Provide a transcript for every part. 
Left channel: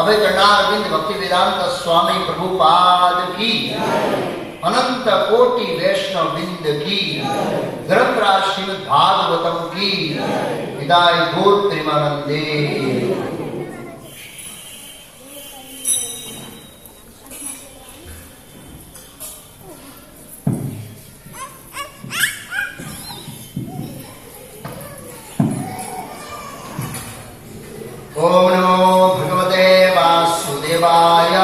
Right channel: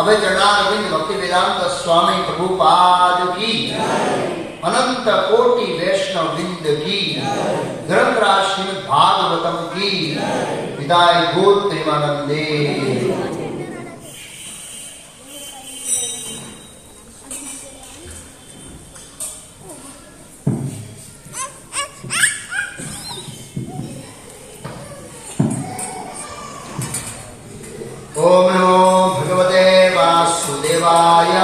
अभय चरणारविंद भक्ति वेदांत स्वामी प्रभुपाद की अनंत कोटि वैष्णव विंद की ग्रंथराज श्रीमद् भागवतम की विदाय गौर प्रेमानंदे। ओम नमो भगवते वासुदेवाय।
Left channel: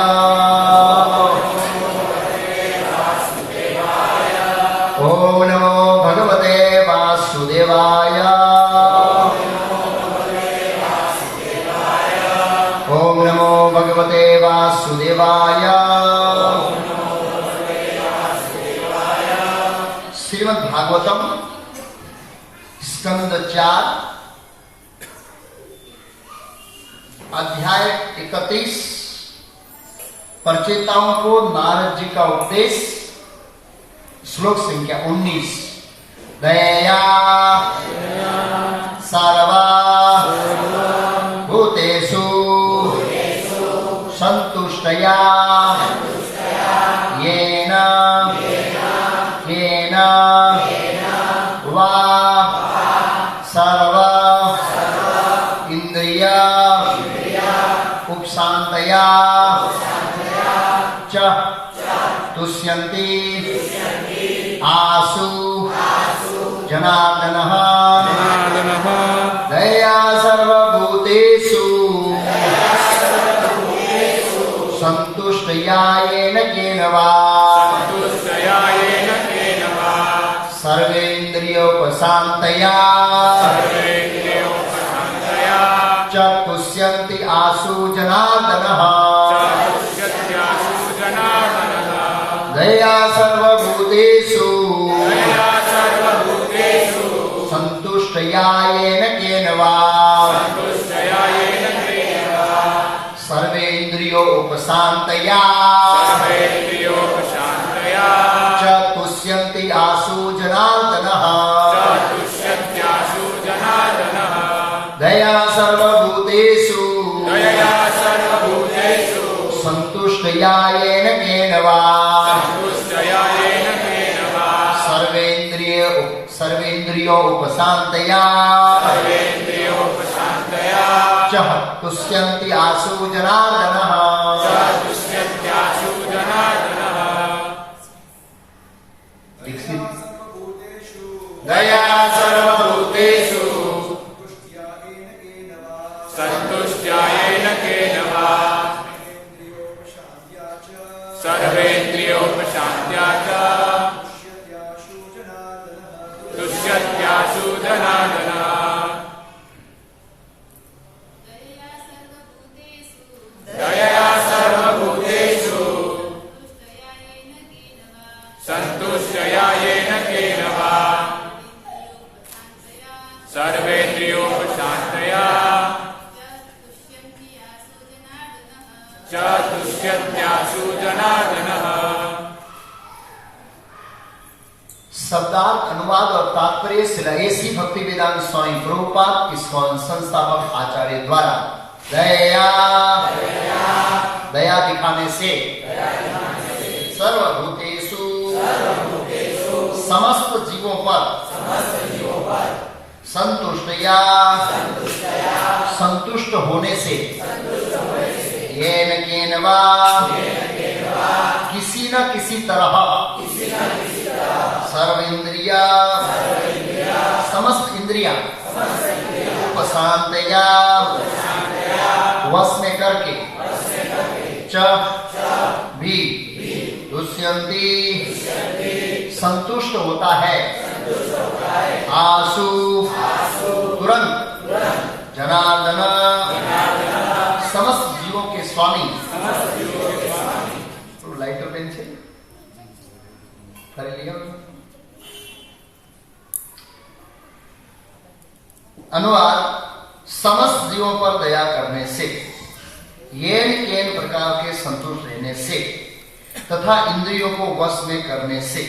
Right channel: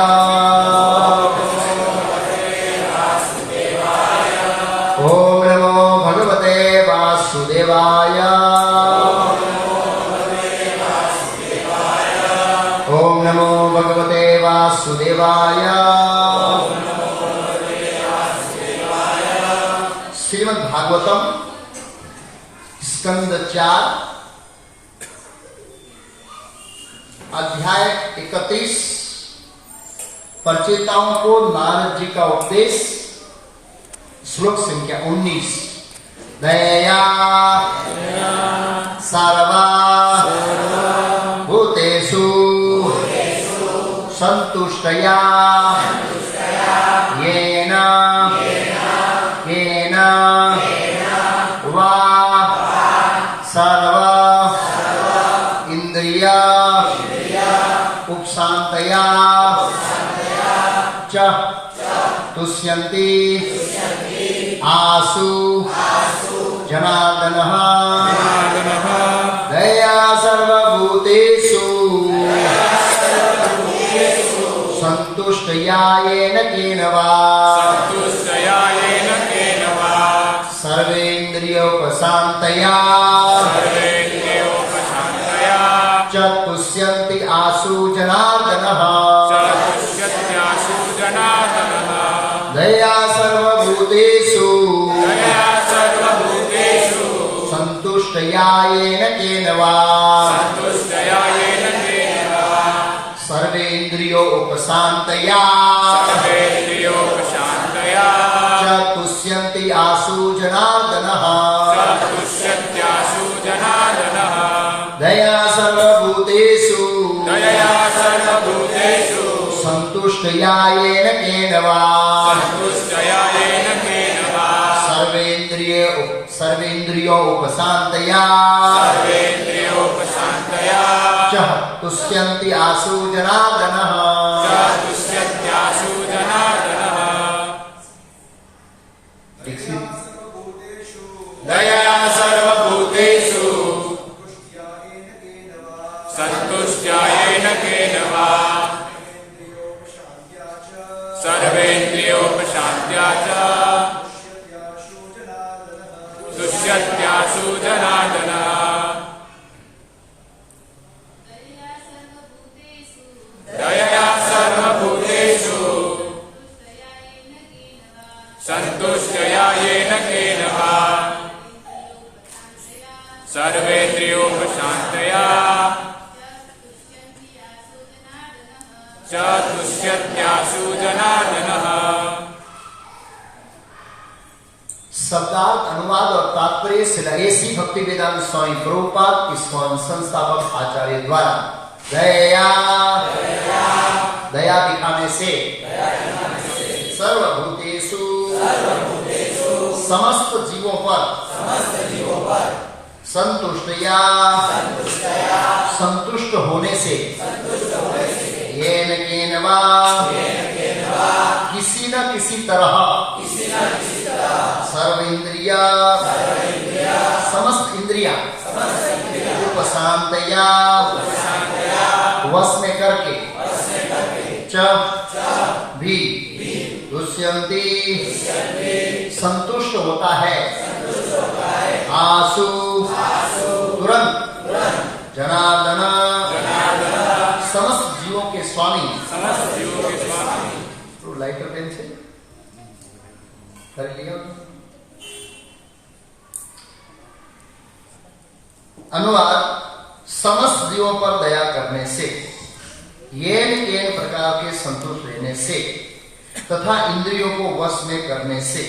ओम नमो भगवते वासुदेवाय। ओम नमो भगवते वासुदेवाय। श्रीमद् भागवतम स्कंद 4 अध्याय 31 परचेताओं को नारद जी का उपदेश। श्लोक संख्या 19। दया सर्वा भूतेषु संतुष्टया येन येन वा सर्व इंद्रिय तुष्यन्ति आसु जनार्दनः दया सर्वभूतेषु संतुष्टयायेन केन वा सर्वेन्द्रियोपशान्तया च तुष्यन्ति आसु जनार्दनः दया सर्वभूतेषु संतुष्टयायेन केन वा सर्वेन्द्रियोपशान्तया च तुष्यन्ति आसु जनार्दनः दया सर्वभूतेषु संतुष्टयायेन केन वा सर्वेन्द्रियोपशान्तया च तुष्यन्ति आसु जनार्दनः दया सर्वभूतेषु संतुष्टयायेन केन वा सर्वेन्द्रियोपशान्त्या च तुष्यत्यासु जनार्दनः दया सर्वभूतेषु संतुष्टयायेन केन वा सर्वेन्द्रियोपशान्तया च तुष्यत्यासु जनार्दनः। शब्दार्थ अनुवाद और तात्पर्य श्रील भक्ति वेदांत स्वामी प्रभुपाद इस्कॉन संस्थापक आचार्य द्वारा दया दिखाने से सर्वभूतेषु समस्त जीवों पर संतुष्टया संतुष्ट होने से येन केन वा किसी न किसी तरह सर्वेन्द्रिया समस्त इंद्रिया उपशान्तया वश में करके च भी तुष्यन्ति संतुष्ट होता है आसु तुरंत जनार्दन समस्त जीवों के स्वामी लाइटर पेन से कर लिया। अनुवाद समस्त जीवों पर दया करने से येन केन प्रकार के संतुष्ट रहने से तथा इंद्रियों को वश में करने से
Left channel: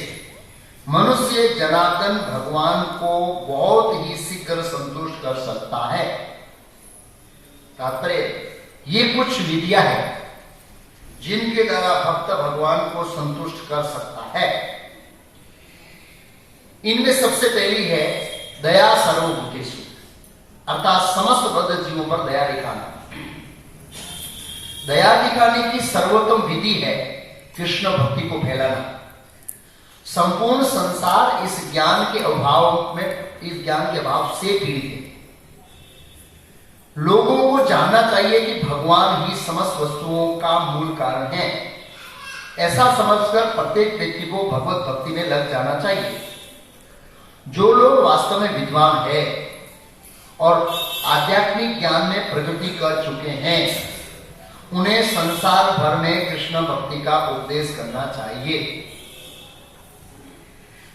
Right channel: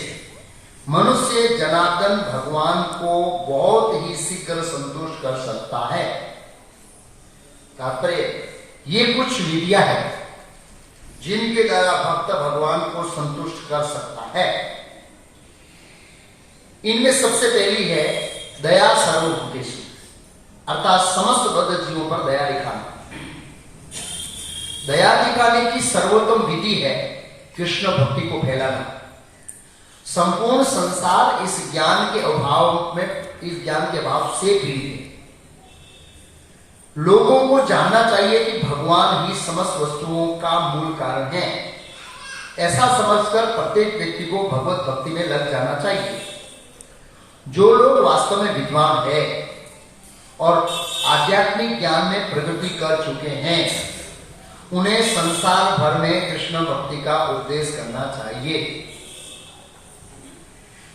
मनुष्य जनार्दन भगवान को बहुत ही शीघ्र संतुष्ट कर सकता है। तात्पर्य ये कुछ विधियां है जिनके द्वारा भक्त भगवान को संतुष्ट कर सकता है। इनमें सबसे पहली है दया सर्वभूतेषु अर्थात समस्त बद्ध जीवों पर दया दिखाना। दया दिखाने की सर्वोत्तम विधि है कृष्ण भक्ति को फैलाना। संपूर्ण संसार इस ज्ञान के अभाव से पीड़ित है। लोगों को जानना चाहिए कि भगवान ही समस्त वस्तुओं का मूल कारण है। ऐसा समझकर प्रत्येक व्यक्ति को भगवत भक्ति में लग जाना चाहिए। जो लोग वास्तव में विद्वान है और आध्यात्मिक ज्ञान में प्रगति कर चुके हैं उन्हें संसार भर में कृष्ण भक्ति का उपदेश करना चाहिए,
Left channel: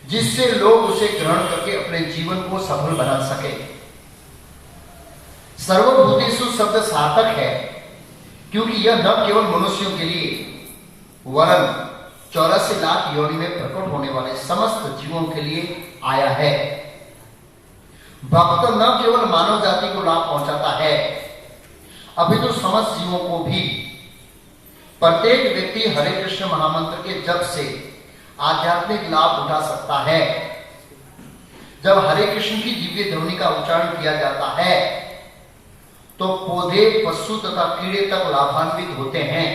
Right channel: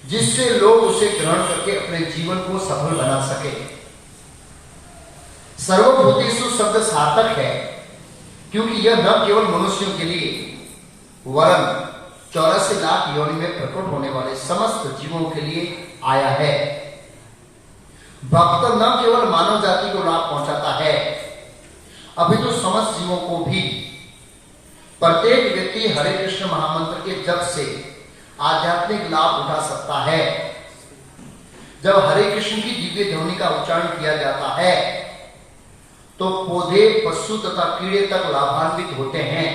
जिससे लोग उसे ग्रहण करके अपने जीवन को सफल बना सके। सर्वभूतेषु शब्द सार्थक है क्योंकि यह न केवल मनुष्यों के लिए वरन 84 लाख योनि में प्रकट होने वाले समस्त जीवों के लिए आया है। भक्त न केवल मानव जाति को लाभ पहुंचाता है अपितु समस्त जीवों को भी। प्रत्येक व्यक्ति हरे कृष्ण महामंत्र के जप से आध्यात्मिक लाभ उठा सकता है। जब हरे कृष्ण की दिव्य ध्वनि का उच्चारण किया जाता है तो पौधे, पशु तथा कीड़े तक लाभान्वित होते हैं।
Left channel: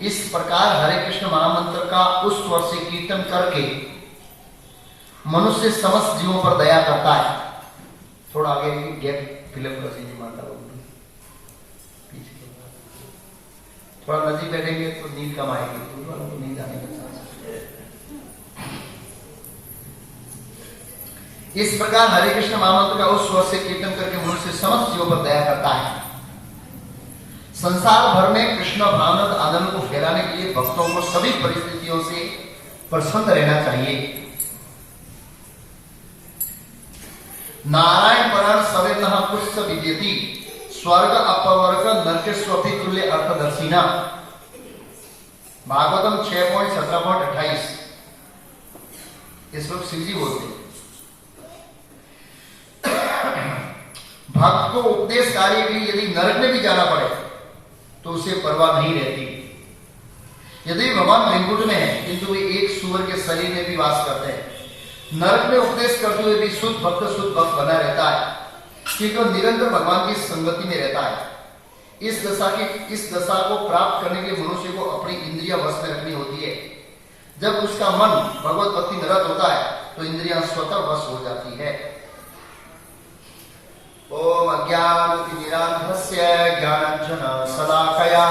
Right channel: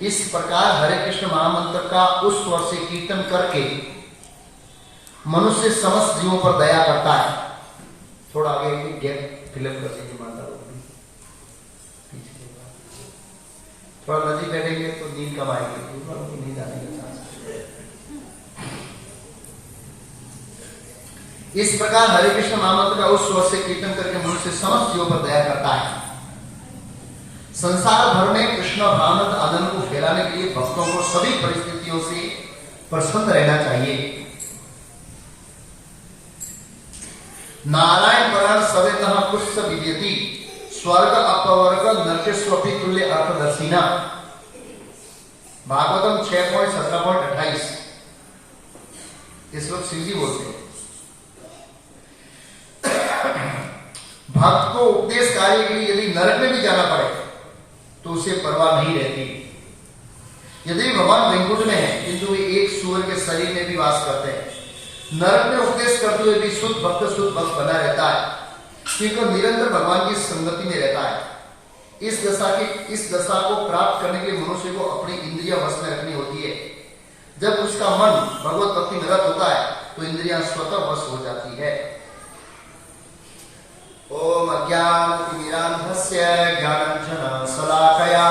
इस प्रकार हरे कृष्ण महामंत्र का उस स्वर से कीर्तन करके मनुष्य समस्त जीवों पर दया करता है। थोड़ा आगे गैप फिलअप कर दीजिए माता लोग, थोड़ा नजीक बैठेंगे तो नींद कम आएगी, तो नींद आने लगता है। इस प्रकार हरे कृष्ण महामंत्र का उस स्वर से कीर्तन करके मनुष्य समस्त जीवों पर दया करता है। संसार भर में कृष्ण भावनामृत आनंद को फैलाने के लिए भक्तों को सभी परिस्थितियों से प्रसन्न रहना चाहिए। नारायण परायण सवेन पुष्प विद्यति स्वर्ग अपवर्ग नरकेश्वपि तुल्य अर्थदर्शिना। भागवतम 6.17.28। इस वक्त शिव जी बोलते हैं, भक्त को उपदेश कार्य के लिए यदि नरक में भी जाना पड़े तो उसे परवाह नहीं रहती। यदि भगवान वैकुंठ में है किंतु वे एक सूअर के शरीर में भी वास करते हैं, नरक में उपदेश करते हुए भी शुद्ध भक्त बना रहता है, क्योंकि निरंतर भगवान की संगति में रहता है। इस दशा को प्राप्त करने के लिए मनुष्य को अपनी इंद्रिया वश में रखनी होती है। जब उसका मन भगवत भक्ति में रत होता है तो इंद्रियां स्वतः वश हो जाती है। ओम अज्ञानतिमिरान्धस्य ज्ञानाञ्जनशलाकया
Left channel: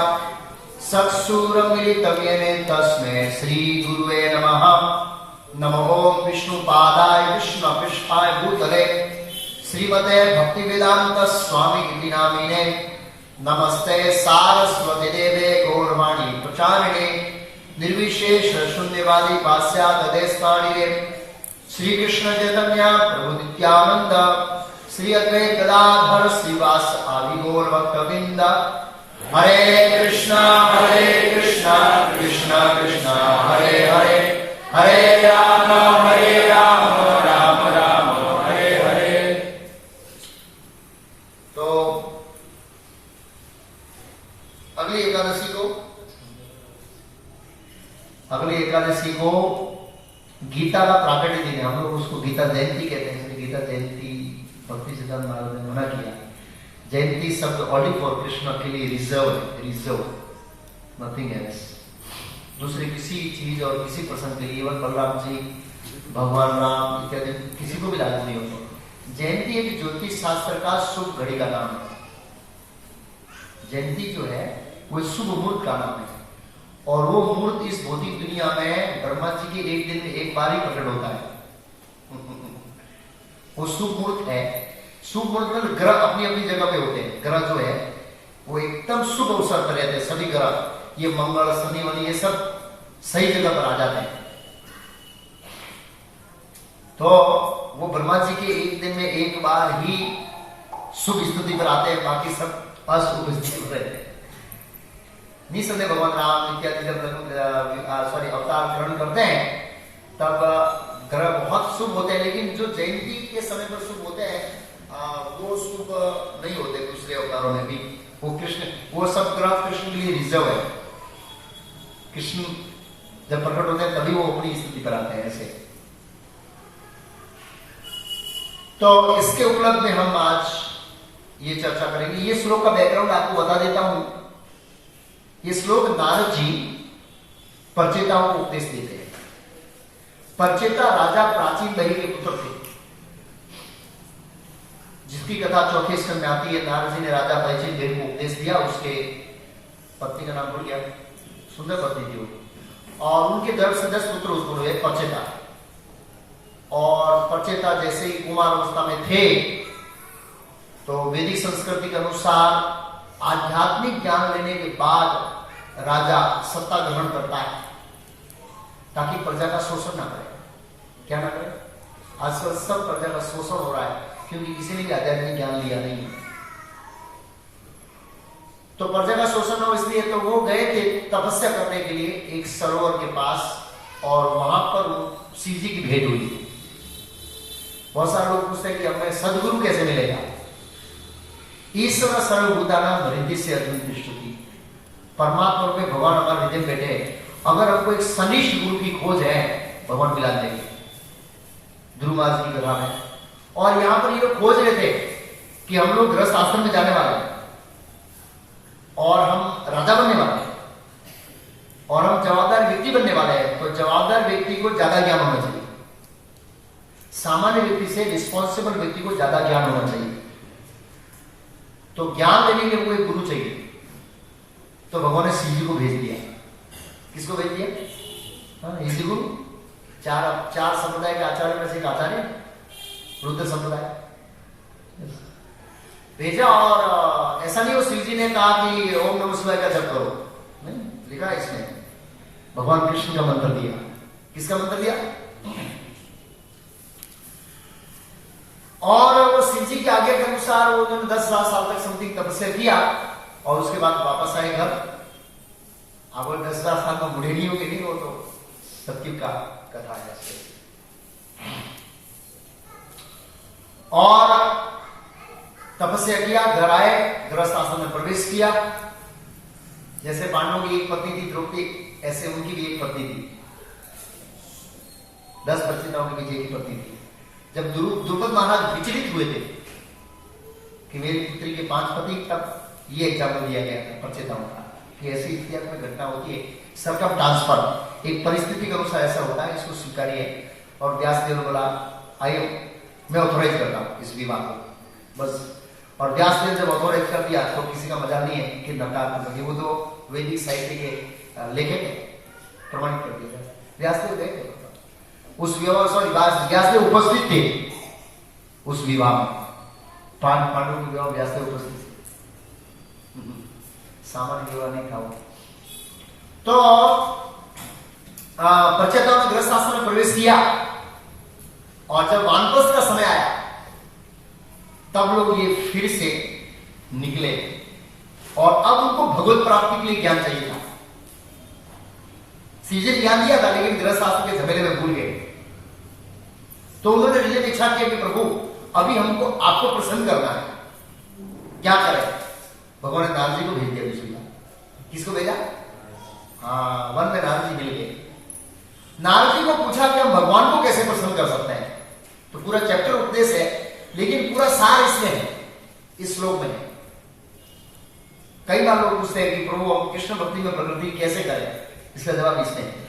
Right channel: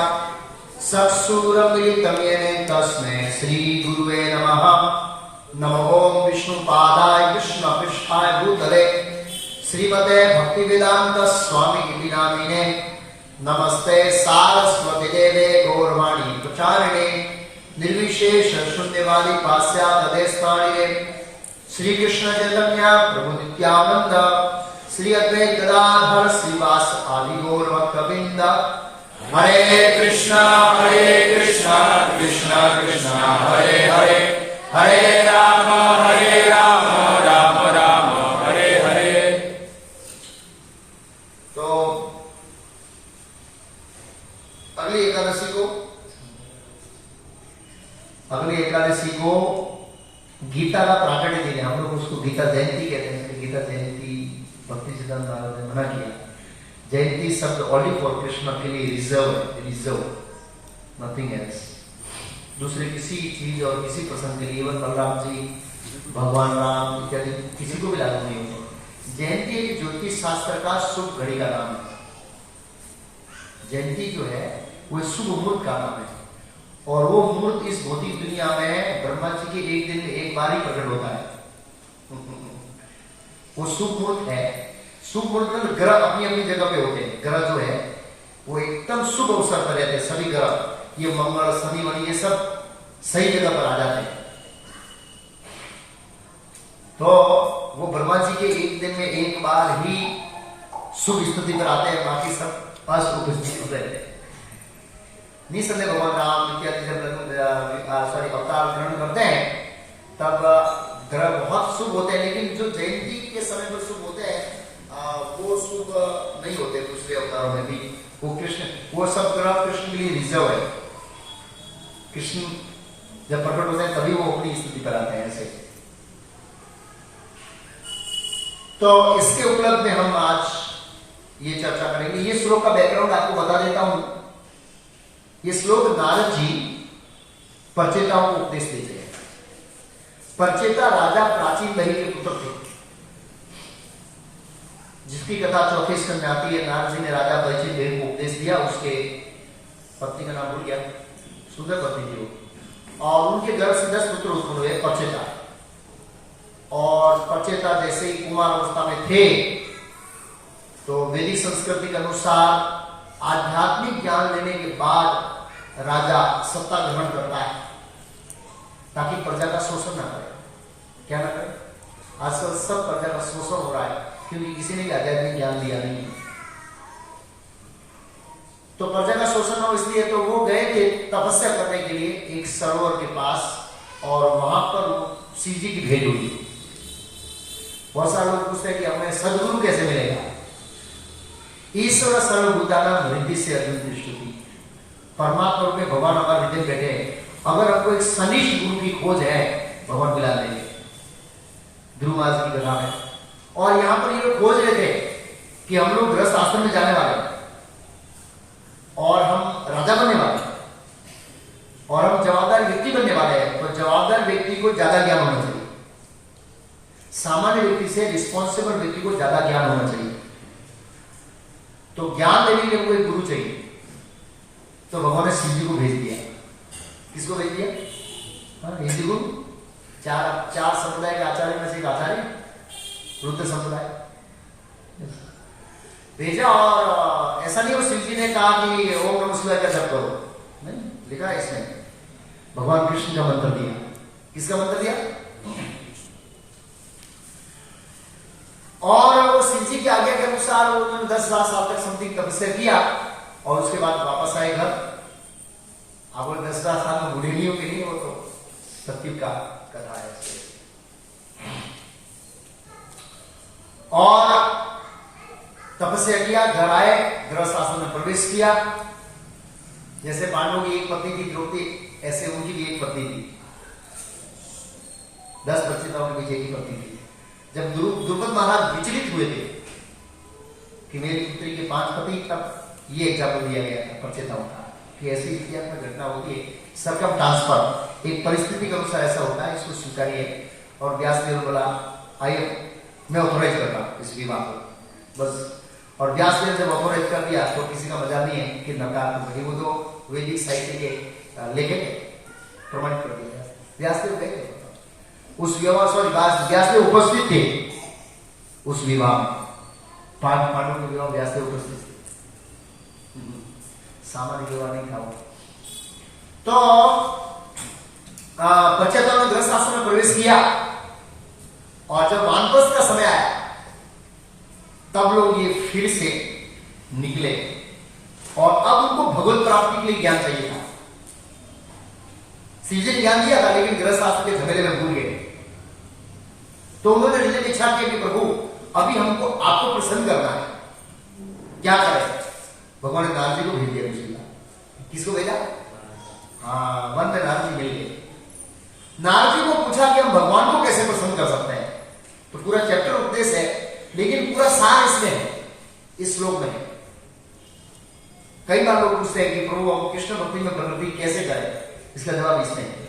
चक्षुरुन्मीलितं येन तस्मै श्रीगुरुवे नमः। नमो ओम विष्णुपादाय कृष्णपृष्ठाय भूतले श्रीमते भक्तिवेदांत स्वामी इति नामिने। नमस्ते सारस्वती देवे गौरवाणी प्रचारिणे निर्विशेष शून्यवादी पाश्चात्यदेशतारिणे। श्री कृष्ण चैतन्य प्रभु नित्यानंद श्री अद्वैत गदाधर श्रीवास आदि गौर भक्तवृंद। हरे कृष्णा कृष्ण कृष्ण हरे हरे, हरे राम राम राम हरे हरे। तो अगली एकादशी को गीता का प्राकट्य दिन है। हम लोग उसको गीता जयंती कहते हैं। गीता जयंती भक्ति सिद्धांत महाराज ने मना किया। जयंती शब्द ओनली फॉर कृष्ण के लिए रिजर्व, नथिंग एल्स। दूसरे किसी चीज और किसी प्रसंग के लिए इवन बलराम जी, भगवान राम इत्यादि किसी को भी लागू नहीं होता। जयंती एक ज्योतिष शास्त्र का शुभ घड़ी का नाम है। जयंती जो है वो शुभ मुहूर्त का नाम है, और वो मुहूर्त इस भौतिक दुनिया में ब्रह्मा जी के एक दिन में एक बार ही प्रकट होता है। वो शुभ मुहूर्त है। शुभ मुहूर्त में ग्रह अपनी अपनी जगह पे होते हैं। ग्रह जो है वो एकदम शुभ अवसर पर रहते हैं। सभी ग्रह, ये मंगल शनि वनि ये सब सही जगह पर आ जाते हैं। तो वो ब्रह्मा जी के एक दिन में एक बार ही शुभ स्थिति पर आते हैं, बाकी सब अशुभ स्थिति पर रहते हैं। निसंदेह भगवान राम इत्यादि जब अवतार ग्रहण करते हैं तब ग्रह बहुत शुभ होते हैं, लेकिन जो जयंती के समय पर शुभ होते हैं वो शुभ नहीं होते दूसरे अवतारों में भी। वो सब ग्रह कृष्ण के लिए रिजर्व है। कृष्ण जब प्रकट होते हैं तभी वो अपनी स्थिति पर आते हैं ऐसे। तो इसके उपलक्ष्य में हम आज ये चर्चा करेंगे। ये श्लोक का बैकग्राउंड आपको बता देता हूं। ये श्लोक नारद जी परचेताओं को उपदेश देते हैं। परचेता राजा प्राचीन दही के पुत्र थे, जिसकी कथा चौथे स्कंद में आती है। नारद जी ने राजा परिचित देव को उपदेश दिया। उसके पत्नी का नाम भूल गया, सुंदर पत्नी थी वो, और उनके गर्भ से 10 पुत्र उत्पन्न हुए परचेता। और परचेता जैसे ही कुमार अवस्था में थे तो वैदिक संस्कृति के अनुसार आध्यात्मिक ज्ञान लेने के बाद राजा सत्ता ग्रहण करता है, ताकि प्रजा का शोषण ना करे। क्या ना करे? आजकल सब प्रजा का शोषण हो रहा है क्योंकि किसी ने भी आध्यात्मिक ज्ञान लिया नहीं। तो प्रजा का शोषण ना हो इसलिए तो वो गए थे तपस्या करने के लिए एक सरोवर के पास, और वहां पर शिव जी की भेंट हुई। बहुत सारे लोग पूछते हैं कि हमें सदगुरु कैसे मिलेगा। ईश्वर सर्वभूतानां हृदय से अर्जुन दृष्टि, परमात्मा में भगवान हमारे हृदय बैठे हैं। अगर हमको एक सनिष्ठ गुरु की खोज है, भगवान मिला देंगे। ध्रुव महाराज की कथा है। और यहां पर ये लोग खोज रहे थे कि हम लोग गृहस्थ आश्रम में जाने वाले हैं और हम राजा बनने वाले हैं। को ज्यादा ज्ञान होना चाहिए, सामान्य व्यक्ति से रिस्पॉन्सिबल व्यक्ति को ज्यादा ज्ञान होना चाहिए। तो ज्ञान देने के लिए एक गुरु चाहिए, तो भगवान ने शिव जी को भेज दिया। किसको भेज दिया? हिंदू गुरु, चार संप्रदाय के आचार्य में से एक आचार्य, रुद्र संप्रदाय भेजा। और ऐसा नहीं हो शिव जी ने कहा कि ओम नमः शिवाय का जप करो, नहीं लिखा है इसमें, भगवान कृष्ण का मंत्र दिया। किसका मंत्र दिया? और वो शिव जी की आज्ञा के अनुसार उन्होंने 10,000 साल तक समथिंग तपस्या किया और उसके बाद वापस आए घर। अब वो 10,000 साल में बूढ़े नहीं होंगे, नहीं, वो तो सत्य का कथा है। और तपस्या किया, घर आए, गृहस्थ आश्रम में प्रवेश किया। जैसे पांडवों की एक पत्नी थी द्रौपदी, ऐसे उनकी भी एक पत्नी थी। 10 बच्चे था उनकी, एक ही पत्नी थी। जब द्रुपद महाराज विचलित हुए थे कि मेरी पुत्री के 5 पति, तब ये एग्जाम्पल दिया गया था प्रचेताओं का कि ऐसी इतिहास में घटना होती है। सरकम ट्रांसफर एक परिस्थिति के अनुसार ऐसा होता है, इसको स्वीकारिए। और व्यासदेव ने बोला आइए मैं ऑथोराइज करता हूं इस विवाह को, बस। और व्यासदेव जब ऑथोराइज कर दिया तो किसी का मजा नहीं है कि नकार, वो तो वैदिक साहित्य के लेखक प्रमाणित कर दिया। व्यासदेव गए उस विवाह, सॉरी व्यासदेव उपस्थित थे उस विवाह में। पांडवों के विवाह व्यासदेव उपस्थित थे, सामान्य विवाह नहीं था। तो प्रचेताओं ने गृहस्थ आश्रम में प्रवेश किया और जब वानप्रस्थ का समय आया तब लोग ये फिर से निकले और अब उनको भगवत प्राप्ति के लिए ज्ञान चाहिए था। सीजे ने ज्ञान दिया था लेकिन गृहस्थ आश्रम के झमेले में भूल गए। तो उन्होंने हृदय में इच्छा किया कि प्रभु अभी हमको आपको प्रसन्न करना है, क्या करें? भगवान ने नारद जी को भेज दिया दूसरी बार। किसको भेजा? वन में नारद जी मिल गए। नारद जी को पूछा कि हम भगवान को कैसे प्रसन्न कर सकते हैं। तो पूरा चैप्टर उपदेश है लेकिन पूरा सार इसमें है, इस श्लोक में है। कई बार लोग पूछते हैं कि प्रभु हम कृष्ण भक्ति में प्रवृत्ति कैसे करें, इसका जवाब इसमें है।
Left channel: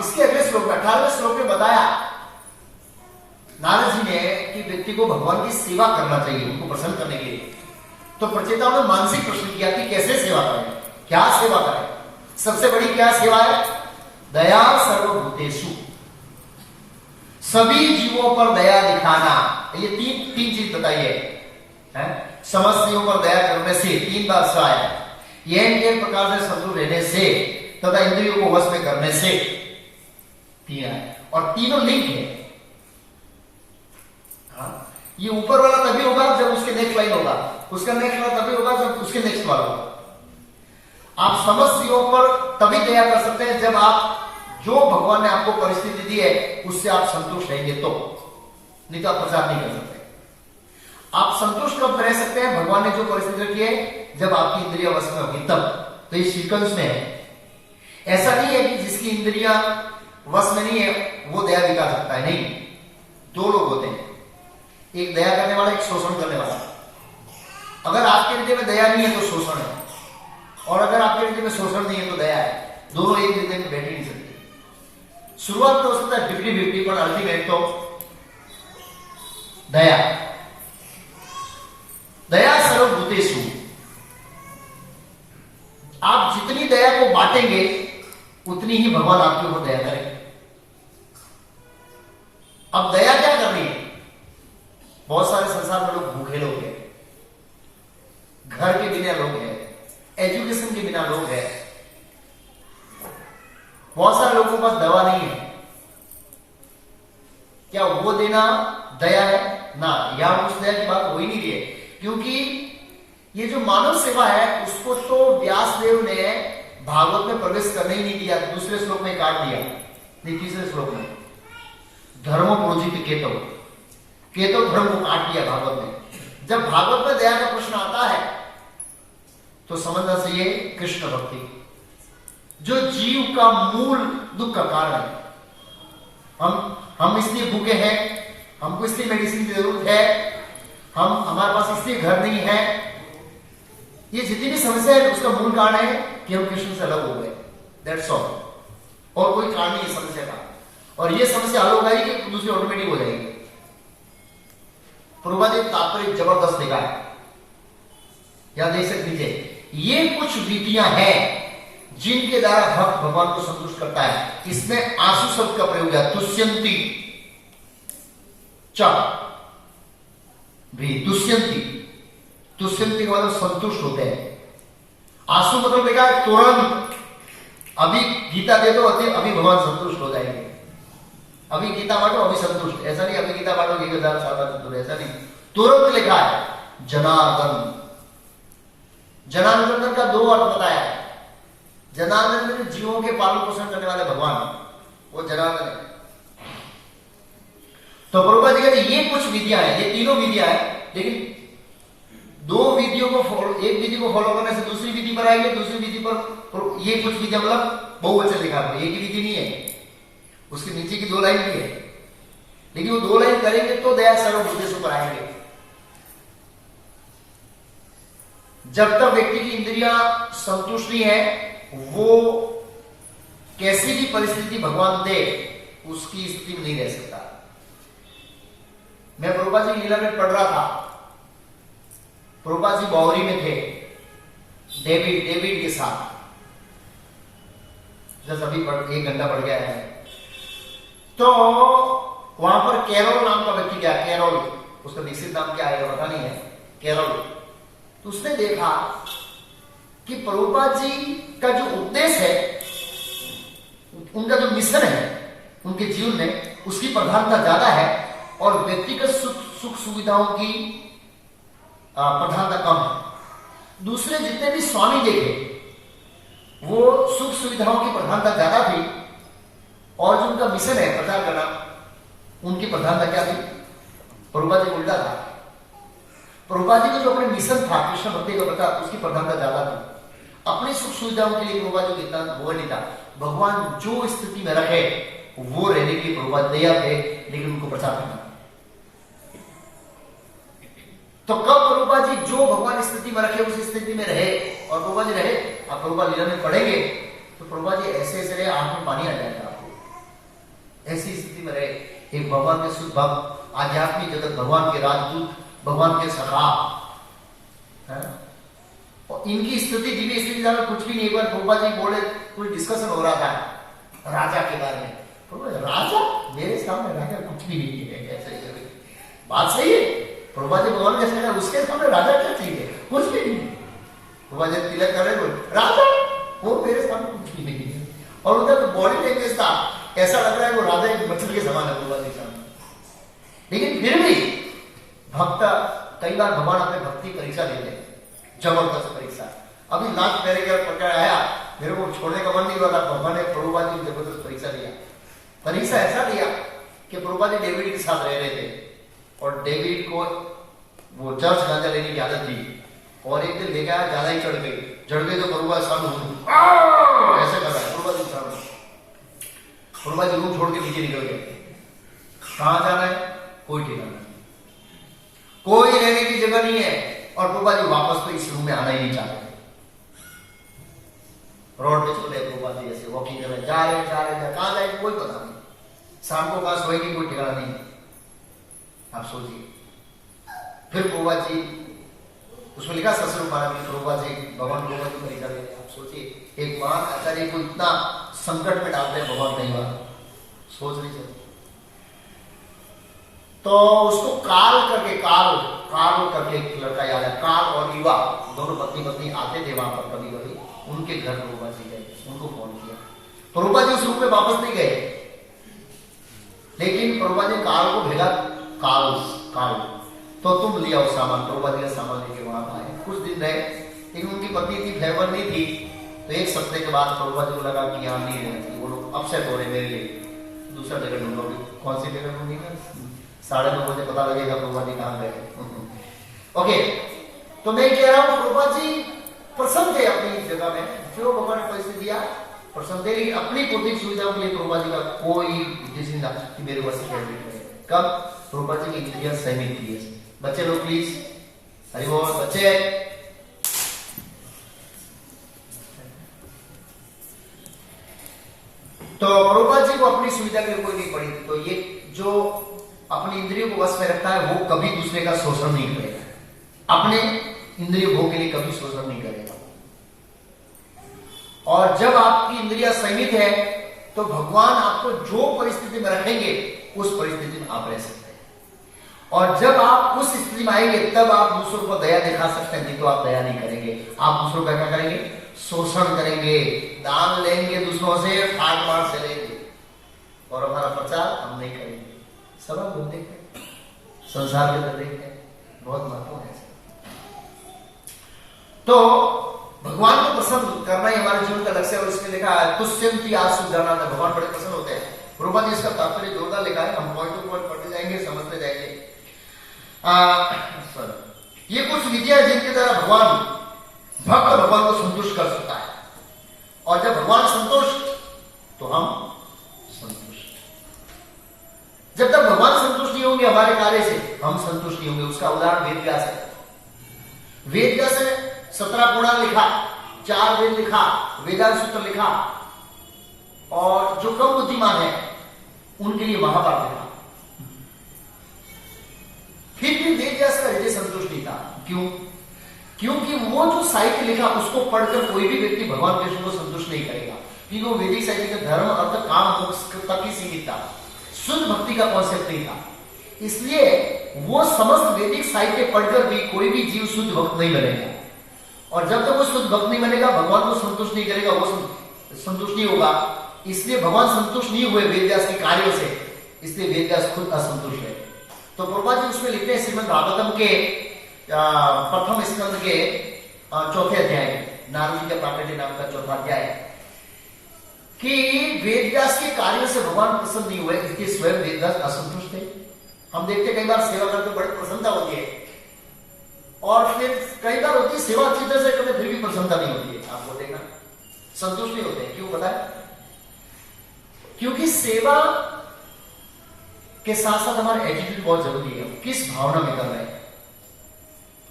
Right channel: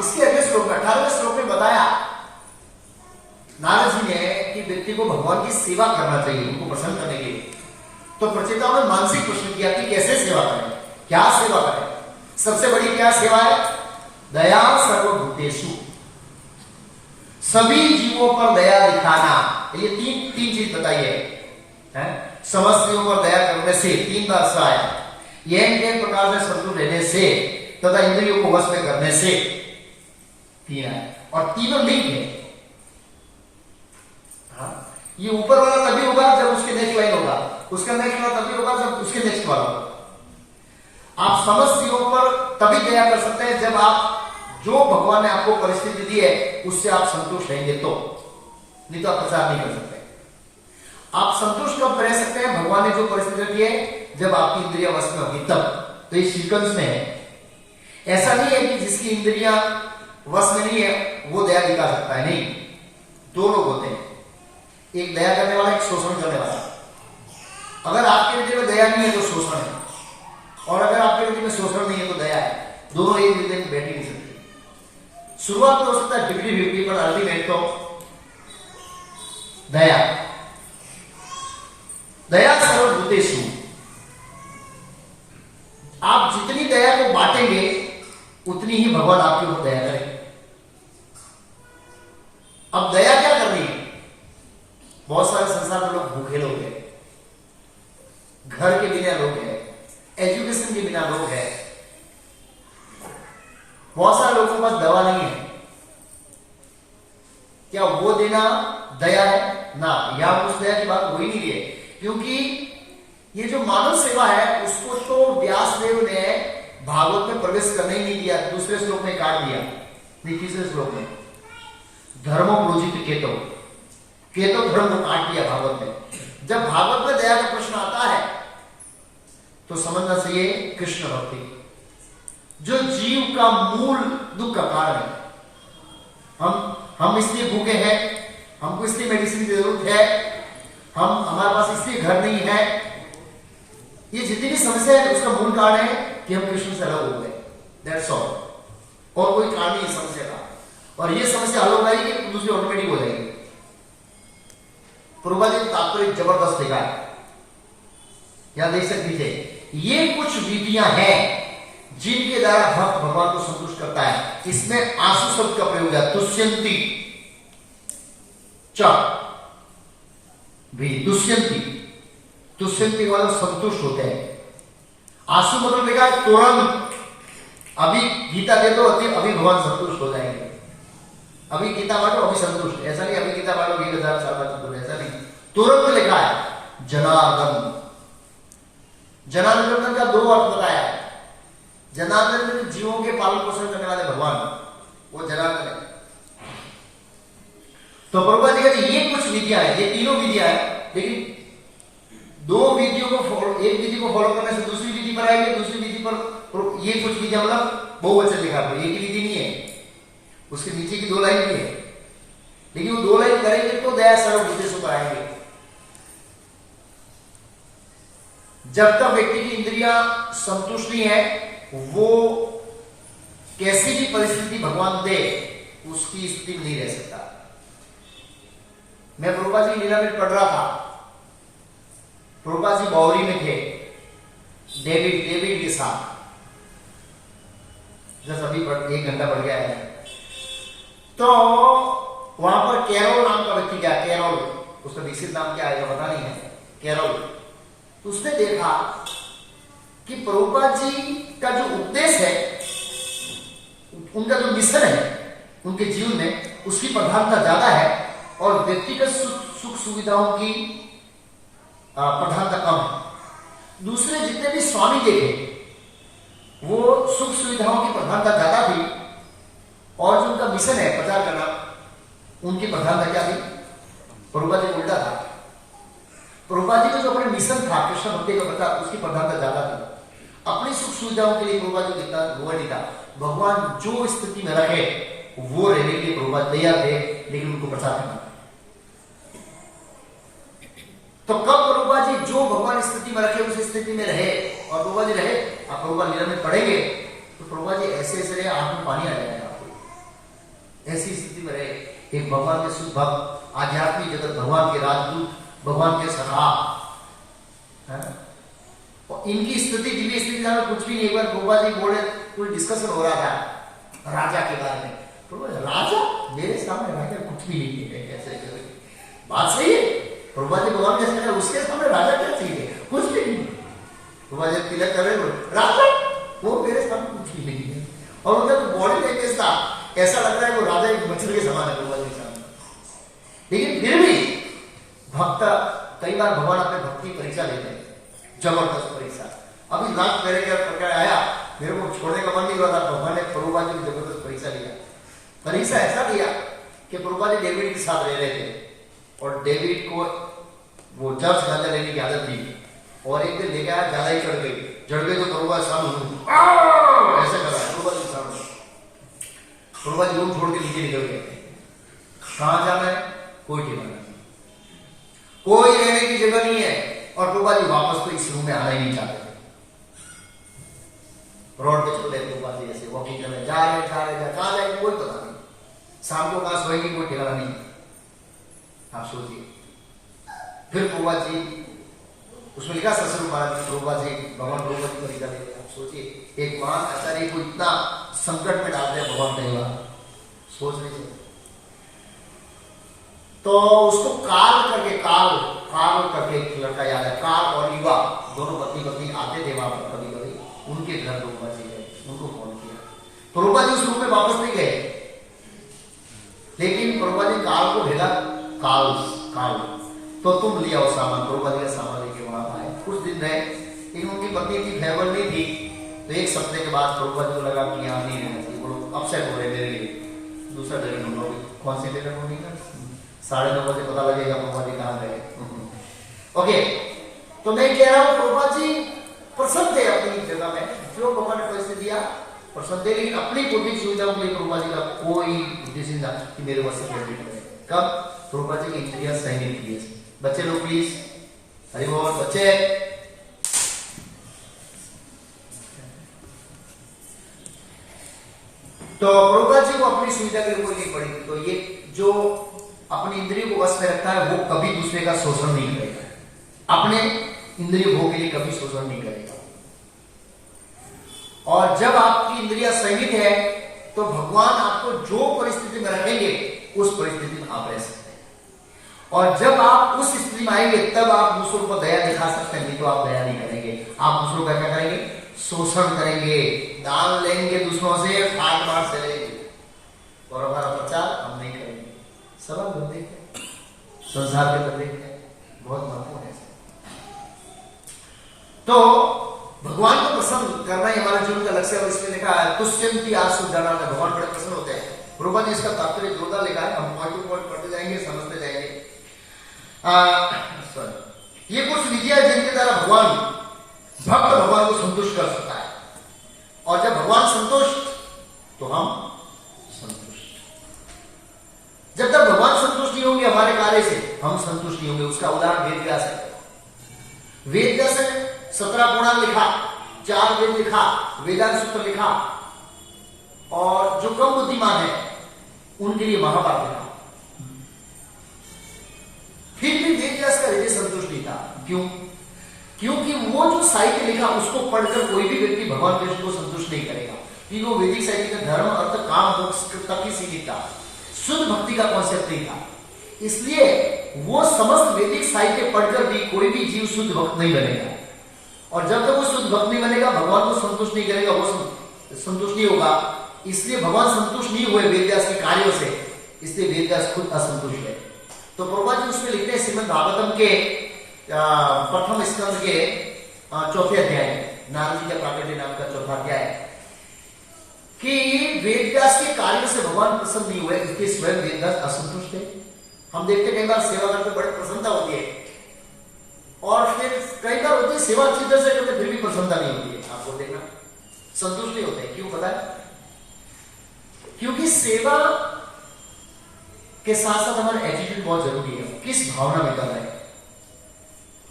इसके अगले श्लोक में 18वें श्लोक में बताया नारद जी ने कि व्यक्ति को भगवान की सेवा करना चाहिए उनको प्रसन्न करने के लिए। तो प्रचेताओं ने मानसिक प्रश्न किया कि कैसे सेवा करें, क्या सेवा करें? सबसे बड़ी क्या सेवा है? दया सर्वभूतेषु, सभी जीवों पर दया दिखाना। ये तीन चीज बताई है। समस्त जीवों पर दया करने से 3 बार से आया। यह प्रकार से शत्रु रहने से तथा इंद्रियों को वश में करने से 3 है और तीनों लिंक है। ये ऊपर वाला तभी होगा जब उसके नेक्स्ट लाइन होगा, उसका नेक्स्ट वाला तभी होगा जब उसके नेक्स्ट वाला होगा। आप समस्त जीवों पर तभी दया कर सकते हैं जब आप जो भगवान ने आपको परिस्थिति दी है उससे आप संतुष्ट रहेंगे, तो नहीं तो आप प्रचार नहीं कर सकते। आप संतुष्ट कब रह सकते हैं? भगवान ने जो परिस्थिति रखी है जब आपकी इंद्रिया वश में होगी तब। तो ये सीक्वेंस में है। ऐसा नहीं है कि जिसकी इंद्रिया वश में नहीं है वो दया दिखा सकता है, नहीं। 2 लोग होते हैं, एक दया करने वाला, एक शोषण करने वाला। अगर आपके हृदय में दया नहीं है तो शोषण है, और अगर आपके हृदय में शोषण नहीं है तो दया है। दोनों एक हृदय में बैठ ही नहीं सकते। शुरुआत में हो सकता है 50-50, पर अल्टीमेट तो दया। दया सर्वभूतेषु, आप जितनी दया को बांटेंगे उतनी ही भगवान आपके ऊपर दया करेंगे। अब दया क्या करनी है? बहुत सारे संसार में लोग भूखे लोग हैं, घर के बिना लोग हैं, एजुकेशन के बिना लोग हैं, बहुत सारे लोगों के पास दवा नहीं है। क्या वो देना दया है? ना, यहां उस दया की बात हो ही नहीं रही है। क्योंकि ये जो मानव सेवा है उसको तो व्यासदेव ने भागवत में प्रवेश करने ही नहीं दिया, दूसरे श्लोक में काट दिया। नहीं, तीसरे श्लोक में धर्मो प्रोजित केतो धर्म को काट दिया भागवत में। जब भागवत में दया का प्रश्न आता है तो समझना चाहिए कृष्ण भक्ति जो जीव का मूल दुख का कारण है। हम इसलिए भूखे हैं, हमको इसलिए मेडिसिन की जरूरत है, हमारे पास इसलिए घर नहीं है। ये जितनी भी समस्या है उसका मूल कारण है कि हम कृष्ण से अलग हो गए, दैट्स ऑल। और कोई कारण नहीं है समस्या का, और ये समस्या हल हो जाएगी कि दूसरी ऑटोमेटिक हो जाएगी। प्रभुपाद जी तात्पर्य जबरदस्त लिखा है, या देख सकते थे, ये कुछ विधियां हैं जिनके द्वारा भक्त भगवान को संतुष्ट करता है। इसमें आंसू शब्द का प्रयोग है, तुष्यंती च भी, तुष्यंती, तुष्यंती वाले संतुष्ट होते हैं। आंसू मतलब लिखा है तुरंत, अभी गीता दे दो अभी भगवान संतुष्ट हो जाएंगे। अभी गीता बांटो अभी संतुष्ट, ऐसा नहीं अभी गीता बांटो 1000 साल बाद संतुष्ट, ऐसा नहीं। तुरंत लिखा है जनार्दन। जनार्दन का दो अर्थ बताया है। जनार्दन में जीवों के पालन पोषण करने वाले भगवान, वो जनार्दन है। तो प्रभुपाद जी कहते ये कुछ विधियां हैं, ये तीनों विधियां हैं, लेकिन दो विधियों को फॉलो, एक विधि को फॉलो करने से दूसरी विधि पर आएंगे, दूसरी विधि पर ये कुछ विधियां, मतलब बहुवचन लिखा है, एक ही विधि नहीं है, उसके नीचे की 2 लाइन भी है, लेकिन वो 2 लाइन करेंगे तो दया सर्व उद्देश्य पर आएंगे। जब तक व्यक्ति की इंद्रियां संतुष्ट नहीं है, वो कैसी भी परिस्थिति भगवान दे उसकी स्थिति नहीं रह सकता। मैं प्रभुपाद जी लीला में पढ़ रहा था, प्रभुपाद जी बावरी में थे डेविड के साथ, जैसे अभी 1 घंटा बढ़ गया है। तो वहां पर कैरोल नाम का व्यक्ति गया, कैरोल, उसका निश्चित नाम क्या है पता नहीं है, कैरोल। उसने देखा कि प्रभुपाद जी का जो उपदेश है, उनका जो मिशन है उनके जीवन में, उसकी प्रधानता ज्यादा है और व्यक्तिगत सुख सुविधाओं की प्रधानता कम है। दूसरे जितने भी स्वामी देखे वो सुख सुविधाओं की प्रधानता ज्यादा थी, और जो उनका मिशन है प्रचार करना, उनकी प्रधानता क्या थी? प्रभुपाद जी उल्टा था। प्रभुपाद जी को जो अपने मिशन था कृष्ण भक्ति का प्रचार, उसकी प्रधानता ज्यादा थी। अपनी सुख सुविधाओं के लिए प्रभुपाद जी कितना वो नहीं था। भगवान जो स्थिति में रखे वो रहने के लिए प्रभुपाद तैयार थे, लेकिन उनको प्रचार करना। तो कब प्रभुपाद जी जो भगवान स्थिति में रखे उस स्थिति में रहे, और प्रभुपाद जी रहे। आप प्रभुपाद लीला में पढ़ेंगे तो प्रभुपाद जी ऐसे ऐसे रहे, आंख में पानी आ जाएगा, ऐसी स्थिति में रहे। एक भगवान के शुद्ध भक्त, आध्यात्मिक जगत, भगवान के राजदूत, भगवान के सखा, है ना। और इनकी स्थिति, दिव्य स्थिति में कुछ भी नहीं। एक बार प्रभुपाद जी बोले, कोई डिस्कशन हो रहा था राजा के बारे में, राजा मेरे सामने राजा कुछ भी नहीं है, ऐसे बात सही है। प्रभुपाद जी भगवान कैसे कहा, उसके सामने राजा क्या चाहिए, कुछ भी नहीं। प्रभुपाद जी तिलक कर रहे, राजा वो मेरे सामने कुछ भी नहीं है। और उनका तो बॉडी लैंग्वेज था, ऐसा लग रहा है वो राजा एक बच्चे के समान है प्रभुपाद जी सामने। लेकिन फिर भी भक्त, कई बार भगवान अपने भक्ति परीक्षा लेते हैं, जबरदस्त परीक्षा। अभी लाख पहले क्या प्रकार आया, मेरे को छोड़ने का मन नहीं हुआ था, भगवान ने प्रभुपाद जी को जबरदस्त परीक्षा लिया। परीक्षा ऐसा दिया कि प्रभुपाद जी डेविड के साथ रह रहे थे, और डेविड को वो जर्स गांजा लेने की आदत थी, और एक दिन लेकर आया, ज्यादा ही चढ़ गई तो प्रभुपाद सामने ऐसे कर रहा, प्रभुपाद जी सामने, प्रभुपाद जी रूम छोड़ के नीचे निकल गए। कहां जाना है, कोई ठिकाना नहीं, कोई रहने की जगह नहीं है, और प्रभुपाद जी वापस तो इस रूम में आना ही नहीं चाहते थे। रोड पे चलते प्रभुपाद जी ऐसे वॉकिंग कर रहे, जा रहे कहां जाए कोई पता नहीं, शाम को कहां सोएंगे कोई ठिकाना नहीं। आप सोचिए, फिर प्रभुपाद जी, उसमें लिखा ससुर महाराज जी, प्रभुपाद जी भगवान प्रभुपाद जी परीक्षा लेते। आप सोचिए, एक महान आचार्य को इतना संकट में डाल रहे भगवान नहीं हुआ, सोच लीजिए। तो उसको काल करके एक लड़का याद है, काल और युवा दोनों पत्नी आते थे वहां पर कभी कभी, उनके घर प्रभुपाद जी गए, उनको फोन किया। प्रभुपाद जी उस रूम में वापस नहीं गए, लेकिन प्रभुपाद जी काल को भेजा, काल तो तुम लिया वो सामान, प्रभुपाद जी का सामान लेके वहां आए। कुछ दिन रहे, लेकिन उनकी पत्नी इतनी फेवर नहीं थी, तो 1 सप्ताह के बाद प्रभुपाद जी को लगा कि यहाँ नहीं रहना चाहिए, वो लोग अपसेट हो रहे मेरे लिए, दूसरा जगह ढूंढोगे। कौन सी जगह ढूंढेगा, 9:30 बजे पता लगेगा प्रभुपाद जी कहाँ गए। ओके, तो मैं कह रहा हूँ प्रभुपाद जी प्रसन्न थे अपनी जगह में, जो भगवान ने पैसे दिया प्रसन्न थे, लेकिन अपनी भौतिक सुविधाओं के लिए प्रभुपाद जी का कोई उद्देश्य नहीं था कि मेरे पास सिक्योरिटी है। कब प्रभुपाद जी की इंद्रियां सही नहीं थी। बच्चे लोग प्लीज, हरि बोल बच्चे, तो प्रभुपाद जी को अपनी सुविधा के लिए कोई नहीं पड़ी, तो ये जो अपनी इंद्रियों को वश में रखता है वो कभी दूसरे का शोषण नहीं करेगा, अपने इंद्रिय भोग के लिए कभी शोषण नहीं करेगा। और जब आपकी इंद्रिया संयमित है तो भगवान आपको जो परिस्थिति में रखेंगे उस परिस्थिति में आप रह सकते हैं। और जब आप उस स्थिति में आएंगे तब आप दूसरों को दया दिखा सकते हैं, नहीं तो आप दया नहीं करेंगे, आप दूसरों का क्या करेंगे, शोषण करेंगे, दान लेंगे दूसरों से, ठाट मार से लेंगे, और हमारा प्रचार हम नहीं करेंगे। सब आप लोग देखते हैं, संसार के अंदर देखते हैं, बहुत महत्वपूर्ण है। तो भगवान को प्रसन्न करना ही हमारे जीवन का लक्ष्य है। और इसमें लिखा है तुष्यंति आसु जाना, भगवान बड़े प्रसन्न होते हैं। प्रभुपाद ने इसका तात्पर्य जोरदार लिखा है, हम पॉइंट टू पॉइंट पढ़ते जाएंगे, समझते जाएंगे। ये कुछ विधियां जिनके द्वारा भगवान भक्त भगवान को संतुष्ट कर सकता है, और जब भगवान संतुष्ट तो हम संतुष्ट। जब तक भगवान संतुष्ट नहीं होंगे हमारे कार्य से, हम संतुष्ट नहीं होंगे। उसका उदाहरण वेद व्यास है। वेद व्यास ने 17 पुराण लिखा, 4 वेद लिखा, वेदांत सूत्र लिखा, और जो कम बुद्धिमान है उनके लिए महाभारत लिखा। फिर भी वेद व्यास का हृदय संतुष्ट नहीं था। क्यों? क्योंकि वो जो साहित्य लिखा उसको पढ़कर कोई भी व्यक्ति भगवान कृष्ण को संतुष्ट नहीं करेगा, क्योंकि वो वैदिक साहित्य का धर्म अर्थ काम मोक्ष तक ही सीमित था, शुद्ध भक्ति का कॉन्सेप्ट नहीं था। इसलिए वो समस्त वैदिक साहित्य पढ़कर भी कोई भी जीव शुद्ध भक्त नहीं बनेगा, और जब तक वो शुद्ध भक्त नहीं बनेगा भगवान को संतुष्ट नहीं करेगा, वो संतुष्ट नहीं होगा। इसलिए भगवान संतुष्ट नहीं हुए वेद व्यास के कार्यों से, इसलिए वेद व्यास खुद असंतुष्ट है। तो प्रभुपाद जी उसमें लिखते हैं श्रीमद् भागवतम के प्रथम स्कंद के 4थे अध्याय, नारद जी का प्राकट्य नाम का 4था अध्याय, कि वेद व्यास के कार्यों से भगवान प्रसन्न नहीं हुए, इसलिए स्वयं वेद व्यास असंतुष्ट है। हम देखते कई बार सेवा करके बड़ी प्रसन्नता होती है, और फिर कई बार होती है सेवा अच्छी तरह से करते फिर भी प्रसन्नता नहीं होती है। आपको देखना संतुष्ट नहीं होते। क्यों पता है? क्योंकि सेवा के साथ साथ हमारा एटीट्यूड बहुत जरूरी है। किस भावना में कर रहे हैं?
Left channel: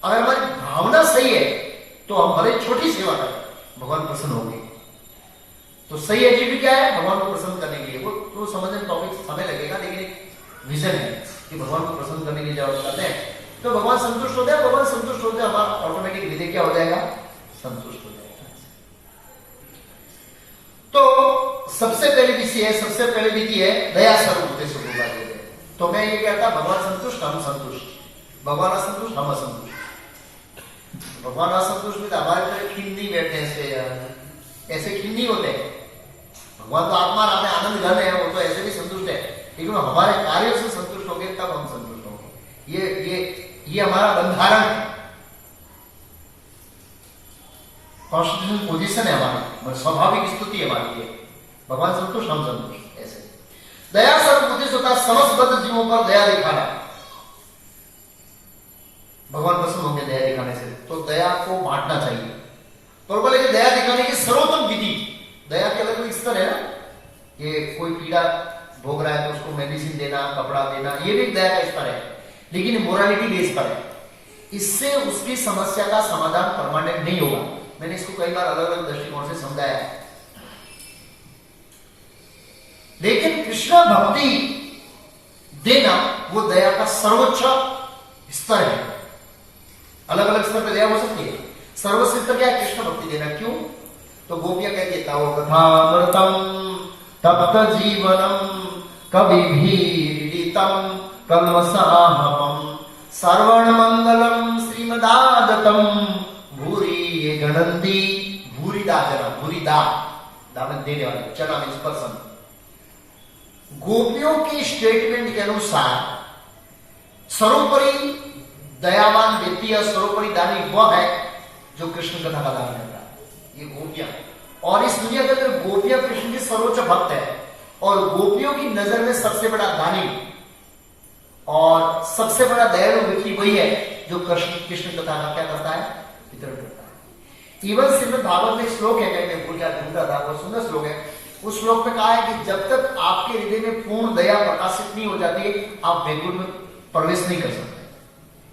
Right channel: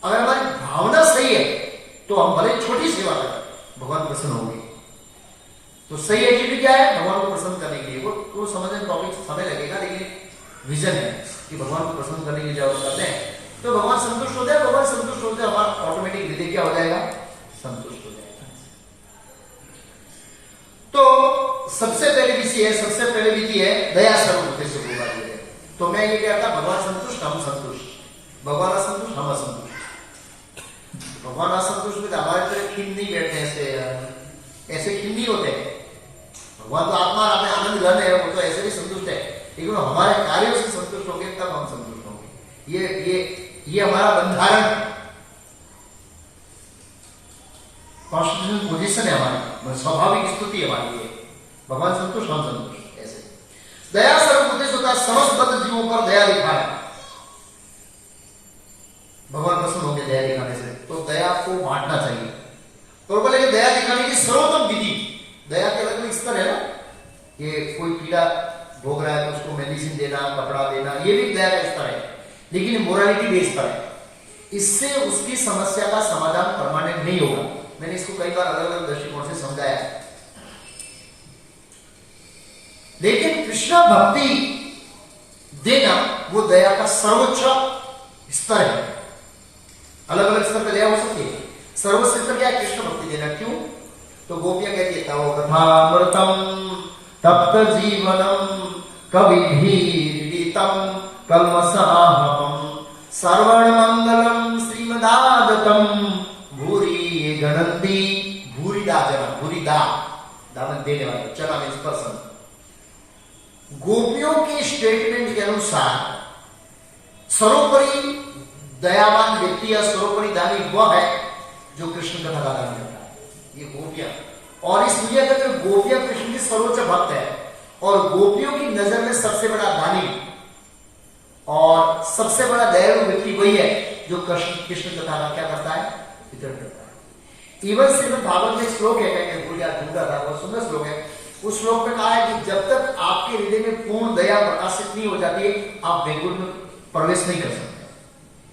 अगर हमारी भावना सही है तो हम भले छोटी सेवा करें, भगवान प्रसन्न होंगे। तो सही एटीट्यूड क्या है? भगवान को प्रसन्न करने के लिए। वो समझने में टॉपिक समय लगेगा, लेकिन विजन है कि भगवान को प्रसन्न करने की जरूरत करते हैं तो भगवान संतुष्ट होते हैं। भगवान संतुष्ट होते हैं, हमारा ऑटोमेटिक हृदय क्या हो जाएगा? संतुष्ट हो जाएगा। तो सबसे पहली विधि है, सबसे पहली विधि है दया सर्वभूतेषु प्रसादः। तो मैं ये कहता, भगवान संतुष्ट हम संतुष्ट, भगवान असंतुष्ट हम असंतुष्ट। भगवान असंतुष्ट में तो हमारे तरह खिन नहीं बैठते, ऐसे खिन नहीं होते। भगवान तो आत्मा अपने आनंद घन है, वो तो ऐसे भी संतुष्ट है, लेकिन हमारे कार्यों से संतुष्ट होंगे तब हम संतुष्ट होंगे। ये हमारा बंधारण, कॉन्स्टिट्यूशनल पोजीशन है हमारी, स्वाभाविक स्थिति है हमारी। भगवान संतुष्ट हम संतुष्ट। ऐसे दया सर्वभूतेषु होता, समस्त बद्ध जीवों पर दया दिखाना। भगवान प्रसन्न होंगे दया दिखाने से, तो दया को बांटना चाहिए। तो बोले कि दया दिखाने की सर्वोत्तम विधि, दया के अलग अलग स्तर है ना। ये कोई पीड़ा भोग रहा है तो उसको मेडिसिन देना, कपड़ा देना, ये भी दया का स्तर है, लेकिन मोरालिटी बेस पर है। इससे उसकी समस्या का समाधान परमानेंट नहीं होगा। मैंने इसको कई बार अलग अलग दृष्टिकोण से समझाया। लेकिन कृष्ण भक्ति देना वो दया का सर्वोच्च स्तर है। अलग अलग स्तर पर दया हो सकती है। सर्वोच्च स्तर क्या है? कृष्ण भक्ति देना। क्यों? तो गोपियां कहती है तावकथामृतम तप्त जीवनम कविभिरीडितम कल्मषाहम सर्वण मंगलम श्रीमदागतम भूरि गणंती भूरिदा जन भूरिदा दान देने वाले चला में स्पर्शन। गोपियों के स्टेटमेंट के अनुसार सर्वोपरि दयावान व्यक्ति या सर्वोपरि दानी वह है जो कृष्ण कथा का दान करता है। ये गोपियां, और इस दुनिया के अंदर गोपियां कृष्ण की सर्वोच्च भक्त है, और गोपियों की नजर में सबसे बड़ा दानी और सबसे बड़ा दयालु व्यक्ति वही है जो कृष्ण कथा का क्या करता है? वितरण करता है। इवन श्रीमद् भागवत में श्लोक है, कहीं भूल गया ढूंढा था, बहुत सुंदर श्लोक है। उस श्लोक में कहा है कि जब तक आपके हृदय में पूर्ण दया प्रकाशित नहीं हो जाती आप वैकुंठ में प्रवेश नहीं कर सकते।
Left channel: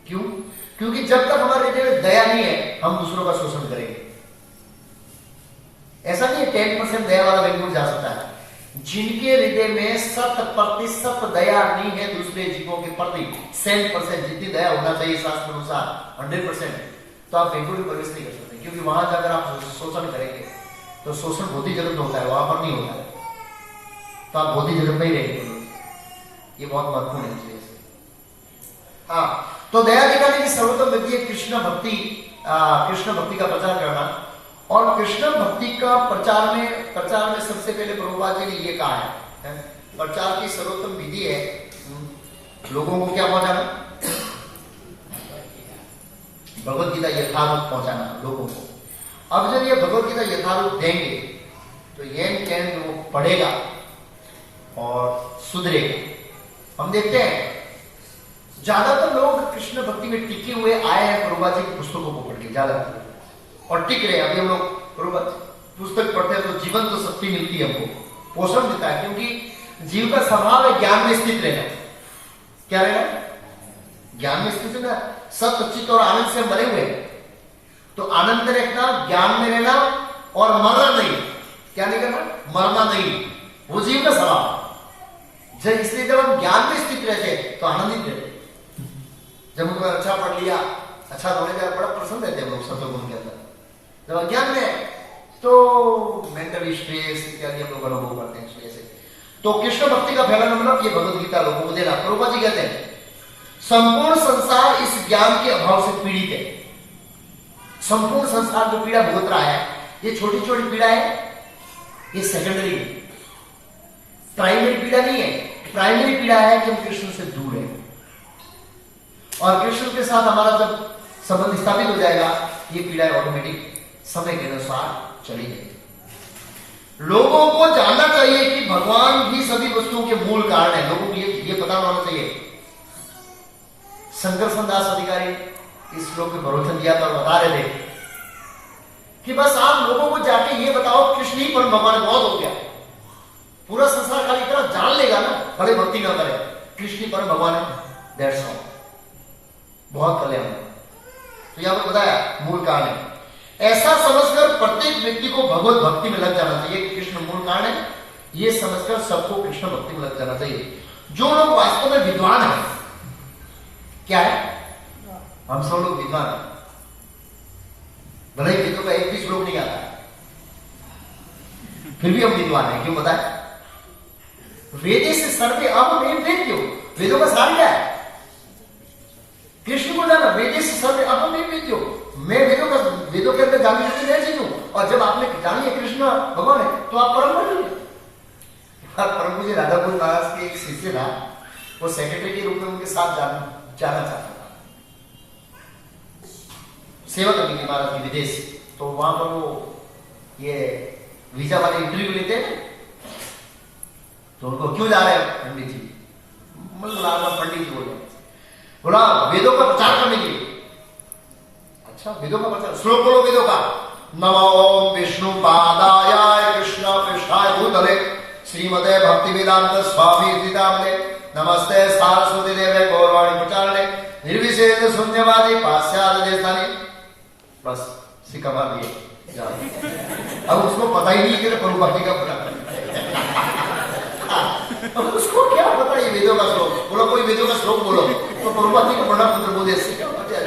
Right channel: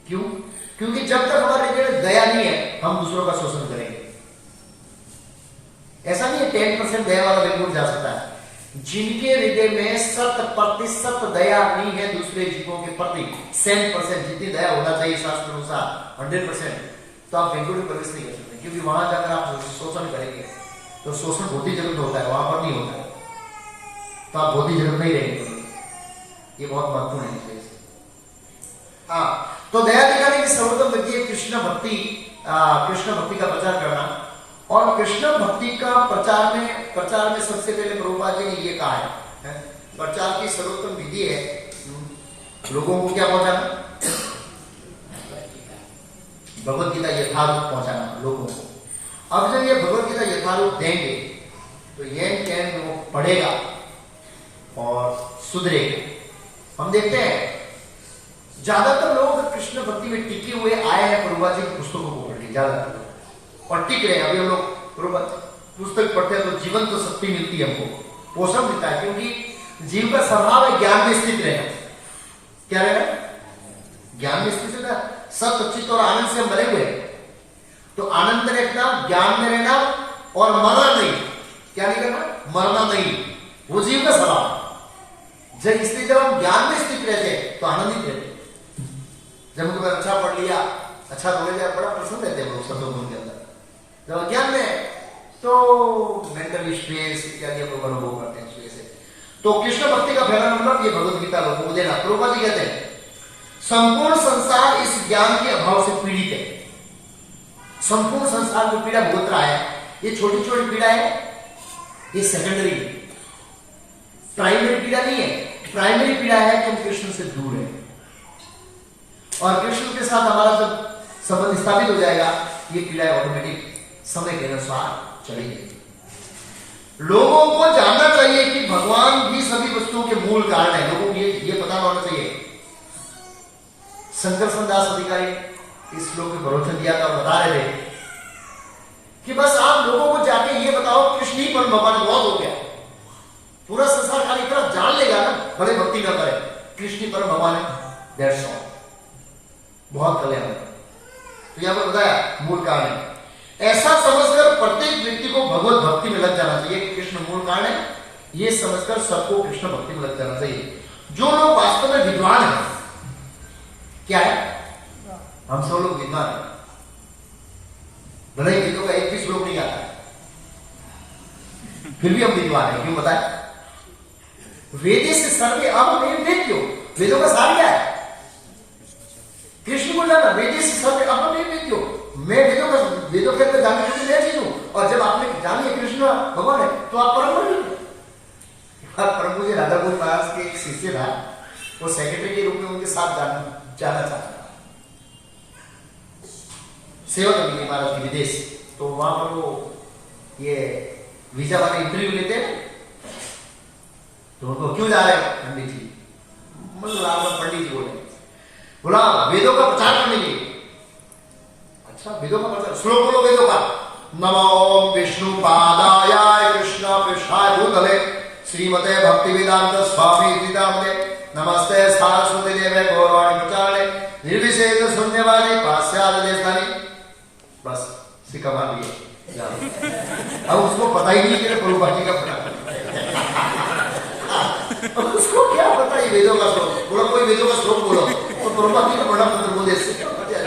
क्यों? क्योंकि जब तक हमारे हृदय में दया नहीं है हम दूसरों का शोषण करेंगे। ऐसा नहीं है 10% दया वाला वैकुंठ जा सकता है, जिनके हृदय में 100% दया नहीं है दूसरे जीवों के प्रति, 100% जितनी दया होना चाहिए शास्त्र अनुसार 100%, तो आप वैकुंठ में प्रवेश नहीं कर सकते, क्योंकि वहां जाकर आप शोषण करेंगे तो शोषण भौतिक जगत में होता है, वहां पर नहीं होता है, तो आप भौतिक जगत में ही रहेंगे। ये बहुत महत्वपूर्ण है। हाँ, तो दया दिखाने की सर्वोत्तम विधि है कृष्ण भक्ति का प्रचार करना। और कृष्ण भक्ति का प्रचार में सबसे पहले प्रभुपाद जी ने ये कहा है, प्रचार की सर्वोत्तम विधि है लोगों को क्या पहुंचाना, भगवत गीता यथारूप पहुंचाना लोगों को। अब जब ये भगवत गीता यथारूप देंगे तो ये वो पढ़ेगा और सुधरेगा। हम देखते हैं ज्यादातर लोग कृष्ण भक्ति में टिके हुए आए हैं प्रभुपाद जी की पुस्तकों को पढ़ के, ज्यादातर और टिक रहे। अभी हम लोग पुस्तक पढ़ते हैं तो जीवन तो शक्ति मिलती है, हमको पोषण मिलता है, क्योंकि जीव का स्वभाव है ज्ञान में स्थित रहना। क्या रहना? ज्ञान में स्थित रहना। सत्य चित्त और आनंद से हम भरे हुए हैं, तो आनंद में रखना, ज्ञान में रहना और मरना नहीं। क्या नहीं करना? मरना नहीं, वो जीव का स्वभाव। जब इसलिए जब हम ज्ञान में स्थित रहते हैं तो आनंदित रहते हैं। जब हमको अच्छा पढ़ लिया, अच्छा बोले जाए, बड़ा प्रसन्न रहते हैं लोग सत्संग के अंदर। जब अज्ञान में तो मेंटल स्ट्रेस इत्यादि हम लोग अनुभव करते हैं इस वजह से। तो कृष्ण भक्ति का पहला मतलब ये भगवत गीता लोगों को देना। प्रभुपाद जी कहते हैं संपूर्ण संसार इस ज्ञान के अभाव से पीड़ित है। संपूर्ण संसार को पीड़ा भुगत रहा है। ये छोटी छोटी पीड़ा है, ये सेकेंडरी है, प्राइमरी पीड़ा नहीं है। प्राइमरी पीड़ा है कि हम कृष्ण से दूर हैं, और कृष्ण के साथ हमारा जब संबंध स्थापित हो जाएगा, ये पीड़ा ऑटोमेटिक समय के अनुसार चली जाएगी। लोगों को जानना चाहिए कि भगवान भी सभी वस्तुओं के मूल कारण है। लोगों को ये पता होना चाहिए। शंकर दास अधिकारी इस श्लोक में प्रवचन दिया था और बता रहे थे कि बस आप लोगों को जाके ये बताओ कृष्ण ही परम भगवान, बहुत हो गया। पूरा संसार खाली इतना जान लेगा ना, बड़े भक्ति ना करे, कृष्ण ही परम भगवान है, दैट्स ऑल, बहुत कल्याण है। तो यहां पर बताया मूल कारण है। ऐसा समझकर प्रत्येक व्यक्ति को भगवत भक्ति में लग जाना चाहिए कि कृष्ण मूल कारण है। ये समझकर सबको कृष्ण भक्ति में लग जाना चाहिए। जो लोग वास्तव में विद्वान है, क्या है? हम सब लोग विद्वान है, भले गीतों का एक भी श्लोक नहीं आता है, फिर भी हम विद्वान है। क्यों बताए? वेदे से सर्वे अब नहीं वेद क्यों? वेदों का सार क्या है? कृष्ण को जाना, वेदे से सर्वे अब नहीं वेद क्यों? मैं वेदों के अंदर जानने के लिए चीज हूं, और जब आपने जान लिया कृष्ण भगवान है तो आप परम हो गए। परम जी राधा गुरु दास के एक शिष्य था, वो सेक्रेटरी के रूप में उनके साथ जाना चाहता था, सेवा करने के बाद अपनी विदेश। तो वहां पर वो ये वीजा वाले इंटरव्यू लेते हैं, तो उनको क्यों जा रहे हैं पंडित जी? पंडित जी बोला वेदों का प्रचार करने के लिए। अच्छा, वेदों का प्रचार, श्लोक बोलो वेदों का। नमो विष्णु पादाय कृष्ण पृष्ठाय भूतले श्रीमते भक्ति वेदांत स्वामी सीतामते नमस्ते सरस्वती देवे गौरवाणी प्रचारणे निर्विशेष शून्यवादी पाश्चात्य देशधानी प्लस सिक्का दिए। अब उसको पता ही नहीं कि प्रभुपाद जी का प्रचार, अब उसको क्या पता है वेदों का श्लोक? बोलो कोई वेदों का श्लोक बोलो तो प्रभुपाद जी को पढ़ना मंत्र बोल दे, क्या पता है?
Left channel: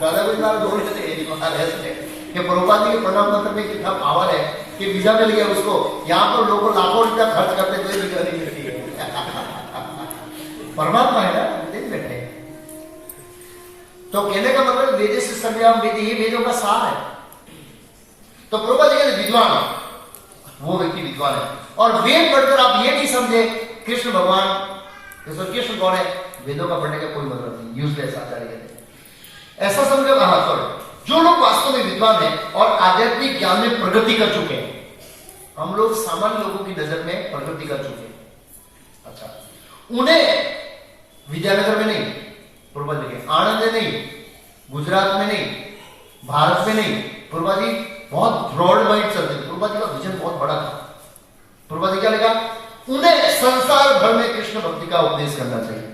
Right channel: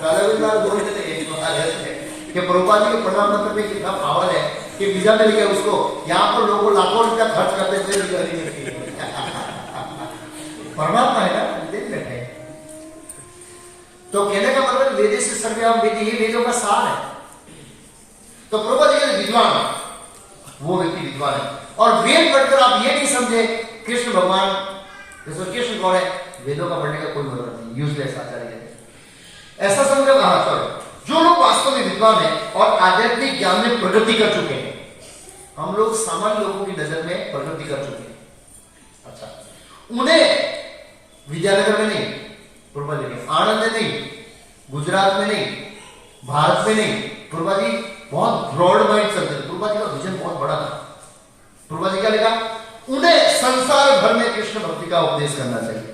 राधा गोविंद कि प्रभुपाद जी के प्रणाम मंत्र में कितना पावर है कि वीजा मिल गया उसको। यहाँ पर लोगों लाखों रुपया खर्च करते थे, वीजा नहीं मिलती है। परमात्मा है ना, देख बैठे। तो कहने का मतलब वेदे से सर्वम वेद, ही वेदों का सार है। तो प्रभुपाद जी के विद्वान है, वो व्यक्ति विद्वान है। और वेद पढ़कर आप ये नहीं समझे कृष्ण भगवान, कृष्ण कौन है, वेदों का पढ़ने का कोई जरूरत नहीं, यूजलेस आचार्य कहते हैं। ऐसा समझो कहा करो जो लोग वास्तव में विद्वान है और आध्यात्मिक ज्ञान में प्रगति कर चुके हैं। हम लोग सामान्य लोगों की नजर में प्रगति कर चुके हैं। अच्छा, उन्हें विद्यानगर में नहीं, प्रभुपाद जी के आनंद में नहीं, गुजरात में नहीं, भारत में नहीं, प्रभुपाद जी बहुत ब्रॉड माइंड चलते थे। प्रभुपाद जी का विजन बहुत बड़ा था। प्रभुपाद जी क्या लिखा? उन्हें संसार भर में कृष्ण भक्ति का उपदेश करना चाहिए।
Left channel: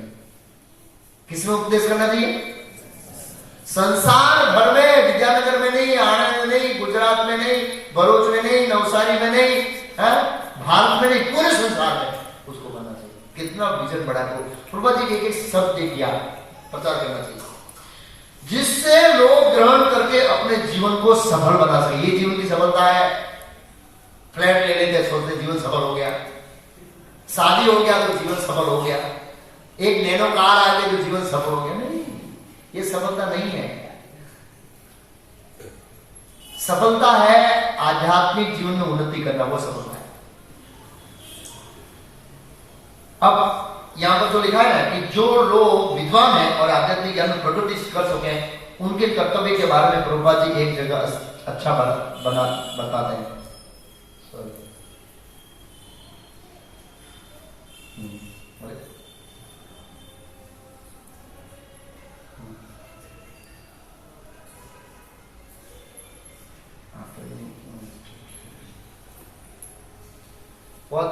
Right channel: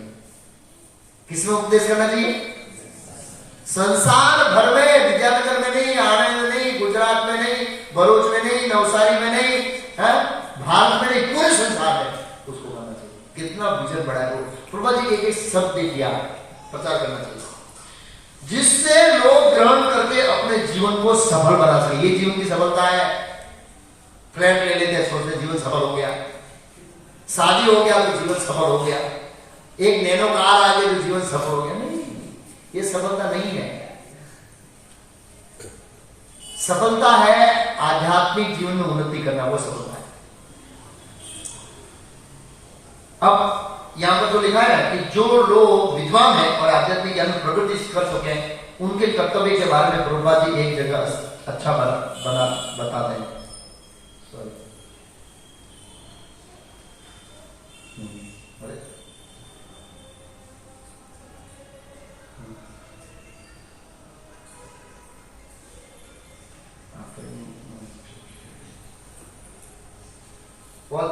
किसमें उपदेश करना चाहिए? संसार भर में, विद्यानगर में नहीं, आनंद में नहीं, गुजरात में नहीं, भरूच में नहीं, नवसारी में नहीं, जितना विजन बढ़ा दो। प्रभा जी के एक शब्द किया प्रचार करना चाहिए जिससे लोग ग्रहण करके अपने जीवन को सफल बना सके। ये जीवन की सफलता है। फ्लैट ले लेते सोचते जीवन सफल हो गया, शादी हो गया तो जीवन सफल हो गया, एक नैनो कार आ गई तो जीवन सफल हो गया। नहीं, ये सफलता नहीं है। सफलता है आध्यात्मिक जीवन में उन्नति करना, वो सफलता है। अब यहां पर तो लिखा है ना कि जो लोग विद्वान हैं और आध्यात्मिक ज्ञान में प्रगति कर सके उनके कर्तव्य के बारे में प्रभुपाद जी एक जगह अच्छा बताते हैं। बहुत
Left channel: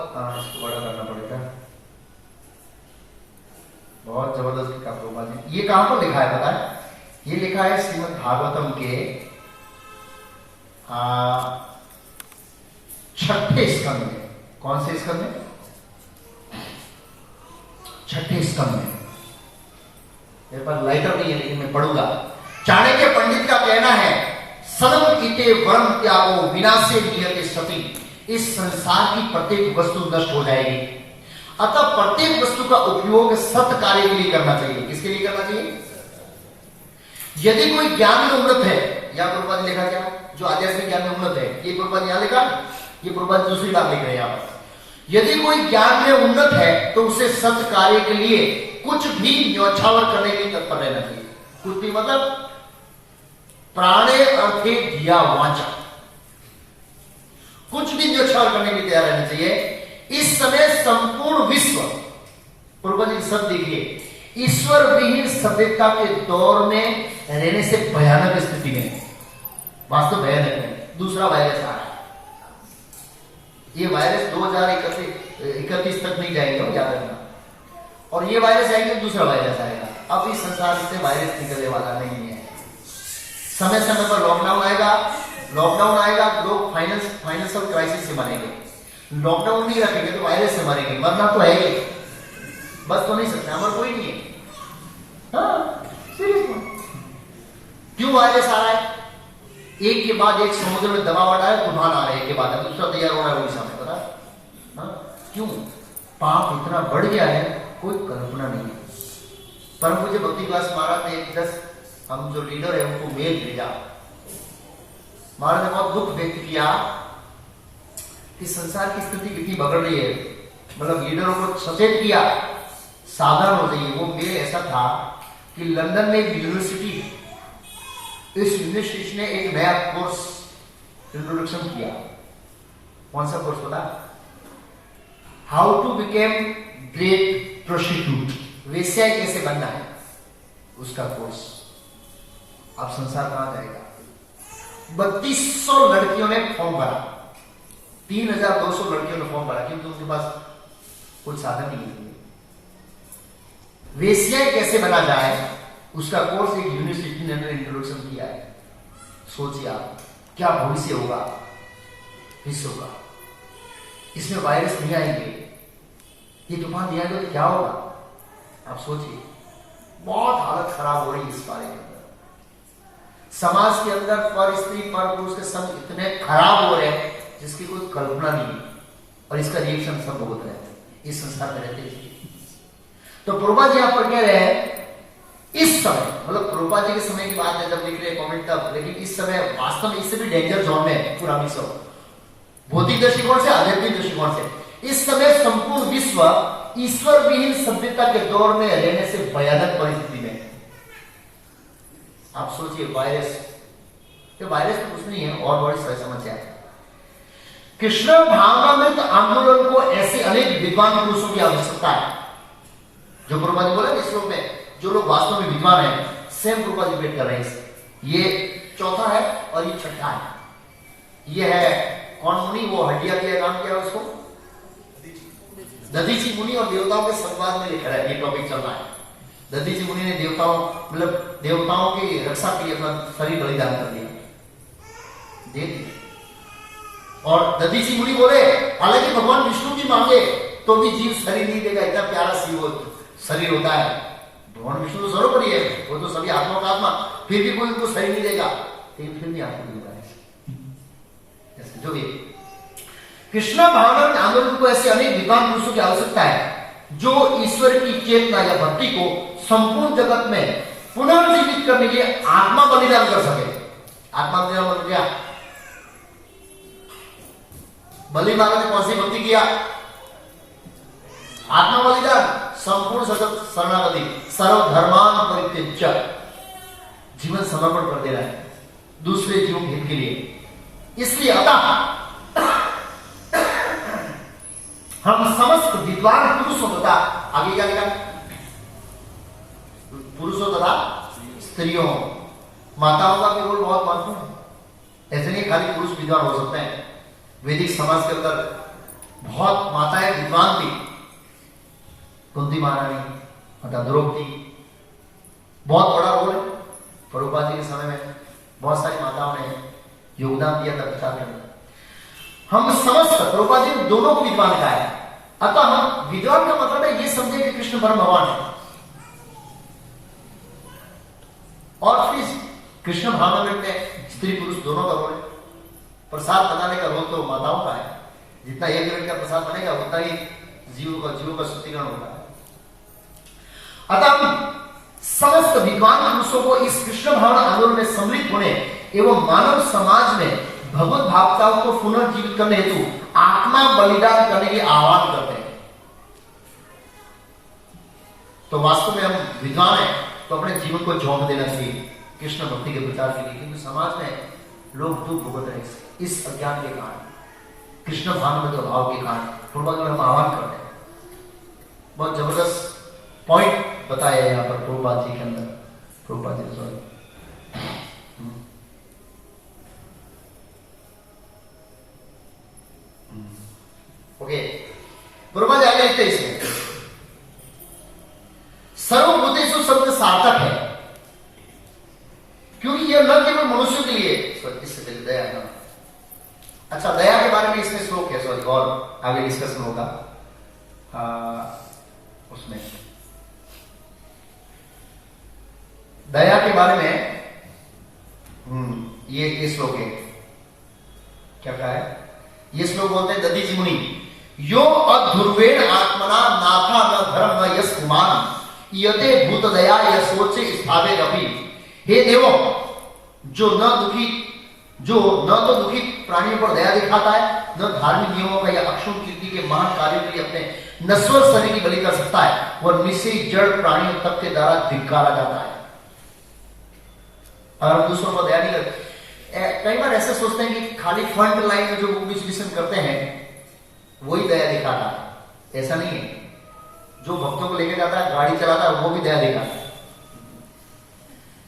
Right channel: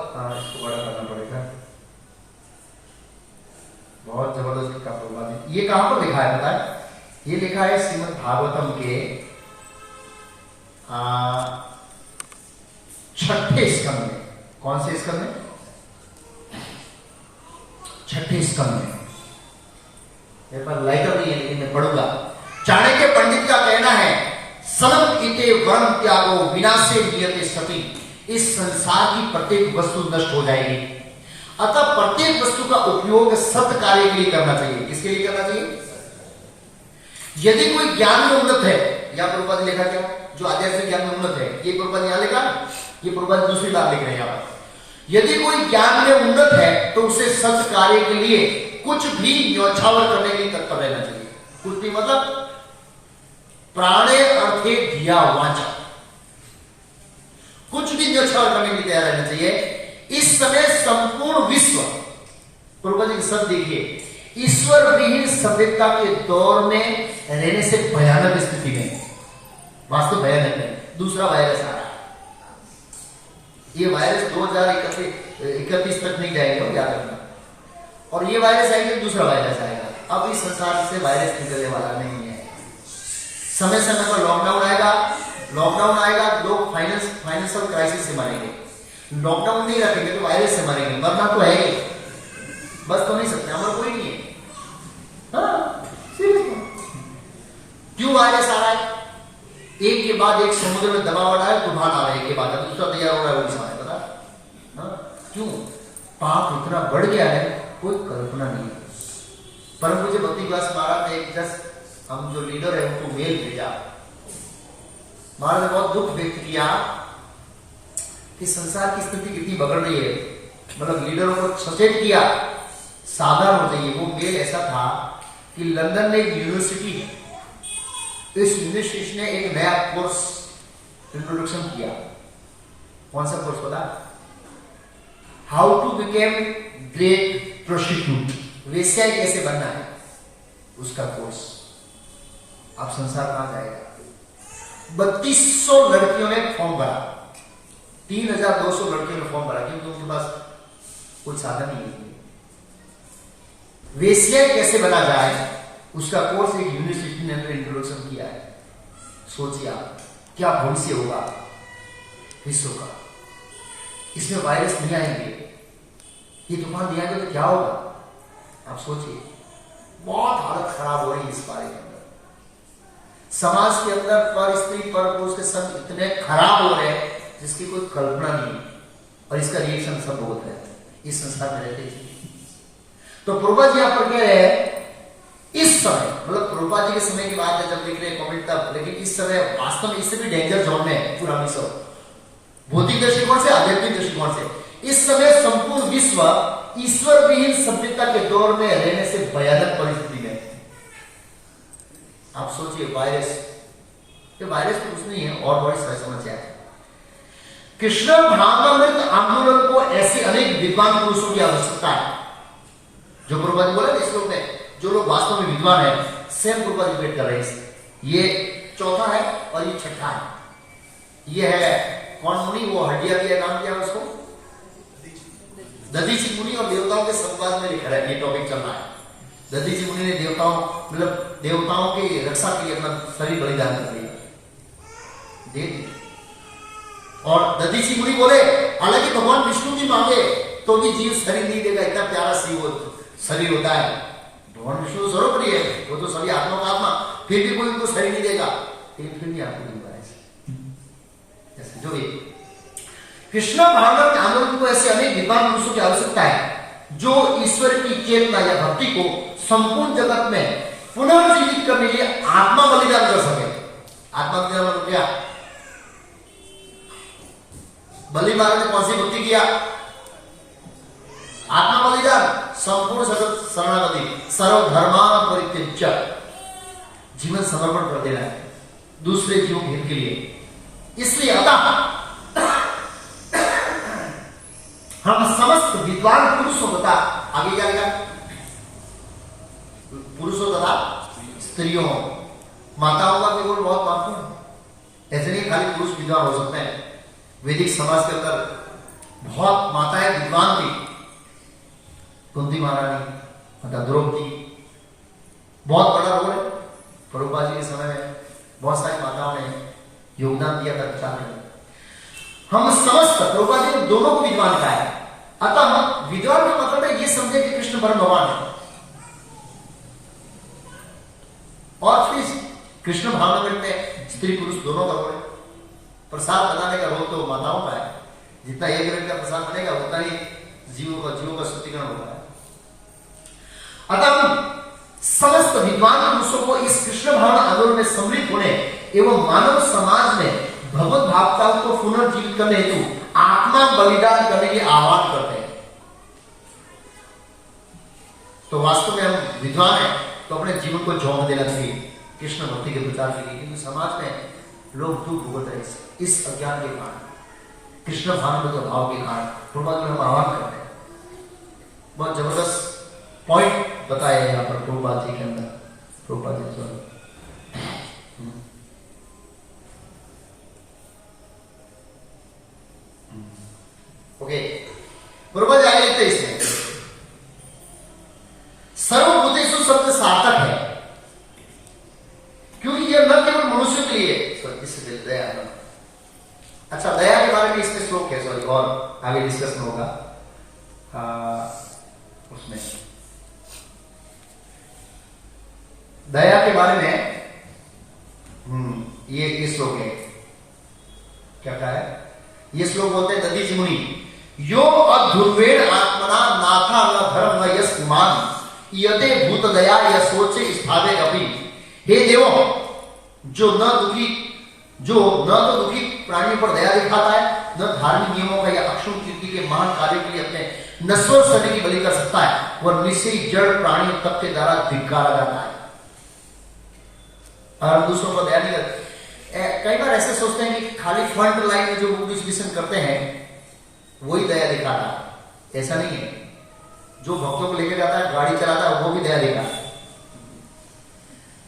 बड़ा करना पड़ेगा, बहुत जबरदस्त लिखा प्रभुपाद जी। ये कहां पर लिखा है पता है? ये लिखा है श्रीमद् भागवतम के 6ठे स्कंद में। कौन से स्कंद में? 6ठे स्कंद में। मेरे पास लाइटर नहीं है लेकिन मैं पढ़ूंगा। चाणक्य पंडित का कहना है सनम इते वर्म त्यागो विनाशे नियते सती। इस संसार की प्रत्येक वस्तु नष्ट हो जाएगी, अतः प्रत्येक वस्तु का उपयोग सत्य कार्य के लिए करना चाहिए। किसके लिए करना चाहिए? यदि कोई ज्ञान में उन्नत है, यहां प्रभुपाद ने लिखा क्या? जो आध्यात्मिक ज्ञान में उन्नत है, ये प्रभुपाद यहां लिखा, ये प्रभुपाद दूसरी बात लिख रहे हैं यहां पर। यदि कोई ज्ञान में उन्नत है तो उसे सत्य कार्य के लिए कुछ भी न्यौछावर करने के लिए तत्पर रहना चाहिए। कुछ भी मतलब प्राणे अर्थे धिया वाचा, कुछ भी न्यौछावर करने के लिए तैयार रहना चाहिए। इस समय संपूर्ण विश्व, प्रभुपाद जी सब देखिए, ईश्वर विहीन सभ्यता के दौर में रहने से भयानक स्थिति में, वास्तव भयानक है। दूसरा वायरस आ रहा है। ये वायरस 2031 तक नहीं जाएंगे, याद रखना। और ये वायरस आएंगे, दूसरा वायरस आएगा। अब इस संसार से वायरस निकलने वाला नहीं है। समय समय पर लॉकडाउन आएगा, लोग फाइनेंशियल क्राइसिस से मरेंगे। लॉकडाउन नहीं रखेंगे तो वायरस से मरेंगे। मरना तो है ही, बस तो नहीं सकते, हमारा कोई नहीं है। क्यों वायरस आ रहा है? एक के बाद एक समुद्र में दबाव आ रहा है, तूफान आ रहा है, एक के बाद दूसरा तैयार हो रहा है उड़ीसा में, पता है? क्यों? पाप इतना बढ़ गया है, कोई कल्पना नहीं है। परम पूज्य भक्ति विलास महाराज ने 10 हम जो लीडर है उनको मेल भेजा। महाराज ने बहुत दुख व्यक्त किया कि संसार की स्थिति कितनी बिगड़ रही है। मतलब लीडरों को सचेत किया, सावधान हो जाइए। वो मेल ऐसा था कि लंदन में एक यूनिवर्सिटी, इस यूनिवर्सिटी ने एक नया कोर्स इंट्रोडक्शन किया। कौन सा कोर्स पता? How to become great prostitute, वेश्या कैसे बनना है, उसका कोर्स। अब संसार कहां जाएगा? 3200 लड़कियों ने फॉर्म भरा, 3200 लड़कियों ने फॉर्म भरा, क्योंकि उनके पास कोई साधन नहीं है। वेश्या कैसे बना जाए, उसका कोर्स एक यूनिवर्सिटी ने इंट्रोडक्शन किया है। सोचिए आप क्या भविष्य होगा विश्व का। इसमें वायरस नहीं आएंगे, ये तूफान नहीं आएंगे तो क्या होगा? आप सोचिए, बहुत हालत खराब हो रही है इस बारे में। समाज के अंदर पर स्त्री पर पुरुष के संग इतने खराब हो रहे हैं जिसकी कोई कल्पना नहीं, और इसका रिएक्शन सब होता है इस संसार में रहते हैं। तो प्रभुपाद जी यहां पर कह रहे हैं इस समय, मतलब प्रभुपाद जी के समय की बात है जब लिख रहे कमेंट तब, लेकिन इस समय वास्तव में इससे भी डेंजर जोन में है पूरा विश्व, भौतिक दृष्टिकोण से, आध्यात्मिक दृष्टिकोण से। इस समय संपूर्ण विश्व ईश्वर विहीन सभ्यता के दौर में रहने से भयानक परिस्थिति में। आप सोचिए, वायरस तो कुछ नहीं है, और बड़ी समस्या है। कृष्ण भावनामृत आंदोलन को ऐसे अनेक विद्वान पुरुषों की आवश्यकता है। जो प्रभुपाद बोले इस लोग में, जो लोग वास्तव में विद्वान है, सेम प्रभुपाद डिबेट कर रहे हैं। ये चौथा है और ये छठा है। ये है कौन मुनि, वो हड्डिया दिया नाम क्या है उसको, दधीची मुनि, और देवताओं के संवाद में ये टॉपिक चल रहा है। दधीची मुनि ने देवताओं की रक्षा के लिए अपना शरीर बलिदान कर दिया, दे दिया। और दधीची मुनि बोले हालांकि भगवान विष्णु की मांगे तो भी जीव शरीर नहीं देगा, इतना प्यारा शरीर होता है। भगवान विष्णु तो सर्वोपरि है, वो तो सभी आत्मा का आत्मा, फिर भी कोई उनको शरीर नहीं देगा, फिर भी आपको दूंगा ऐसे जो भी। कृष्ण भावनात्मक आंदोलन को ऐसे अनेक विद्वान पुरुषों की आवश्यकता है जो ईश्वर की चेतना या भक्ति को संपूर्ण जगत में पुनर्जीवित करने के लिए आत्मा बलिदान कर सके। आत्मा बलिदान मतलब क्या? बलि महाराज ने कौन सी भक्ति किया? आत्मा बलिदान, संपूर्ण जगत शरणागति, सर्वधर्मान परित्यज्य, जीवन समर्पण कर देना है दूसरे जीवों के हित के लिए। इसलिए अतः हम समस्त विद्वान पुरुषों तथा आगे क्या लिखा? पुरुषों तथा स्त्रियों, माताओं का भी रोल बहुत महत्वपूर्ण है। ऐसे नहीं खाली पुरुष विद्वान हो सकते हैं, वैदिक समाज के अंदर बहुत माताएं विद्वान थी। कुंती महारानी, माता द्रौपदी, बहुत बड़ा रोल है। प्रभुपाद जी के समय में बहुत सारी माताओं ने योगदान दिया था प्रचार में। हम समस्त प्रभुपाद जी दोनों को विद्वान कहा है। अतः हम विद्वान का मतलब है ये समझे कि कृष्ण परम भगवान है, और फिर कृष्ण भावना में स्त्री पुरुष दोनों का रोल है। प्रसाद बनाने का रोल तो माताओं का है, जितना एक व्यक्ति का प्रसाद बनेगा उतना ही जीवों का शुद्धिकरण होता है। अतः हम समस्त विद्वान पुरुषों को इस कृष्ण भावना आंदोलन में सम्मिलित होने एवं मानव समाज में भगवत भावताओं को पुनर्जीवित करने हेतु आत्मा बलिदान करने के आह्वान करते हैं। तो वास्तव में हम विद्वान हैं तो अपने जीवन को झोंक देना चाहिए कृष्ण भक्ति के प्रचार के लिए, क्योंकि समाज में लोग दुख भुगत रहे इस अज्ञान के कारण, कृष्ण भावना के अभाव के कारण। प्रभुपाद में हम आह्वान करते हैं। बहुत जबरदस्त पॉइंट बताया यहाँ पर प्रभुपाद जी के अंदर। प्रभुपाद जी ओके, प्रभुपाद आगे लिखते हैं इसमें सर्वभूतेषु शब्द सार्थक है, क्योंकि यह न केवल मनुष्य के लिए इससे दया है। अच्छा, दया के बारे में इसमें श्लोक है, सॉरी, और आगे डिस्कशन होगा उसमें दया के बारे में। ये श्लोक है, क्या कहा है? ये श्लोक बोलते हैं दधीचि मुनि, यो अध्रुवेण आत्मना नाथा न धर्म न यश कुमान यते भूत दया या सोच स्थावे अभी। हे देवो, जो न तो दुखी प्राणियों पर दया दिखाता है, न धार्मिक नियमों का या अक्षुण कीर्ति के महान कार्य के लिए अपने नश्वर शरीर की बलि कर सकता है, वह निश्चय जड़ प्राणियों तब के द्वारा धिक्कारा जाता है। और हम दूसरों पर दया नहीं करते। कई बार ऐसे सोचते हैं कि खाली फ्रंट लाइन में जो विश्लेषण करते हैं वही दया दिखाता है। ऐसा नहीं है। जो भक्तों को लेकर जाता है, गाड़ी चलाता है, वो भी दया दिखाता है।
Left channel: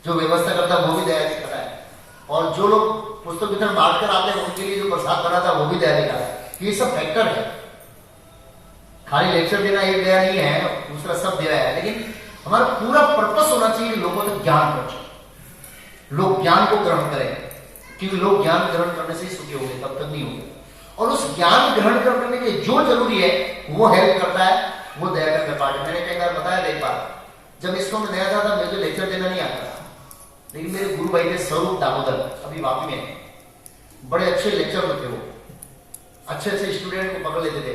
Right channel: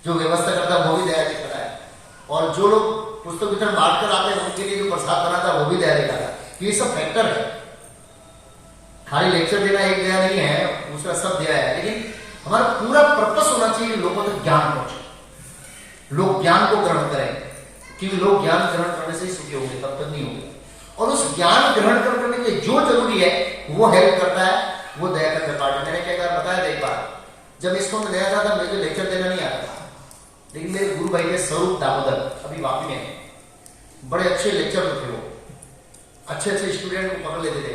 जो व्यवस्था करता है वो भी दया दिखाता है। और जो लोग पुस्तक वितरण बांट कर आते हैं उनके लिए जो प्रसाद बनाता है वो भी दया दिखाता है। ये सब फैक्टर है। खाली लेक्चर देना एक दया नहीं है, दूसरा सब दया है। लेकिन हमारा पूरा पर्पस होना चाहिए कि लोगों तक ज्ञान पहुंचे, लोग ज्ञान को ग्रहण करें, क्योंकि लोग ज्ञान ग्रहण करने से ही सुखी होंगे, तब तक नहीं होंगे। और उस ज्ञान ग्रहण करने के लिए जो जरूरी है वो हेल्प करता है, वो दया का पार्ट। मैंने कई बार बताया, एक बार जब इसको मैं नया था मुझे लेक्चर देना नहीं आता था, लेकिन मेरे गुरु भाई थे स्वरूप दामोदर, अभी वापी में, बड़े अच्छे लेक्चर थे वो, अच्छे स्टूडेंट को पकड़ लेते थे।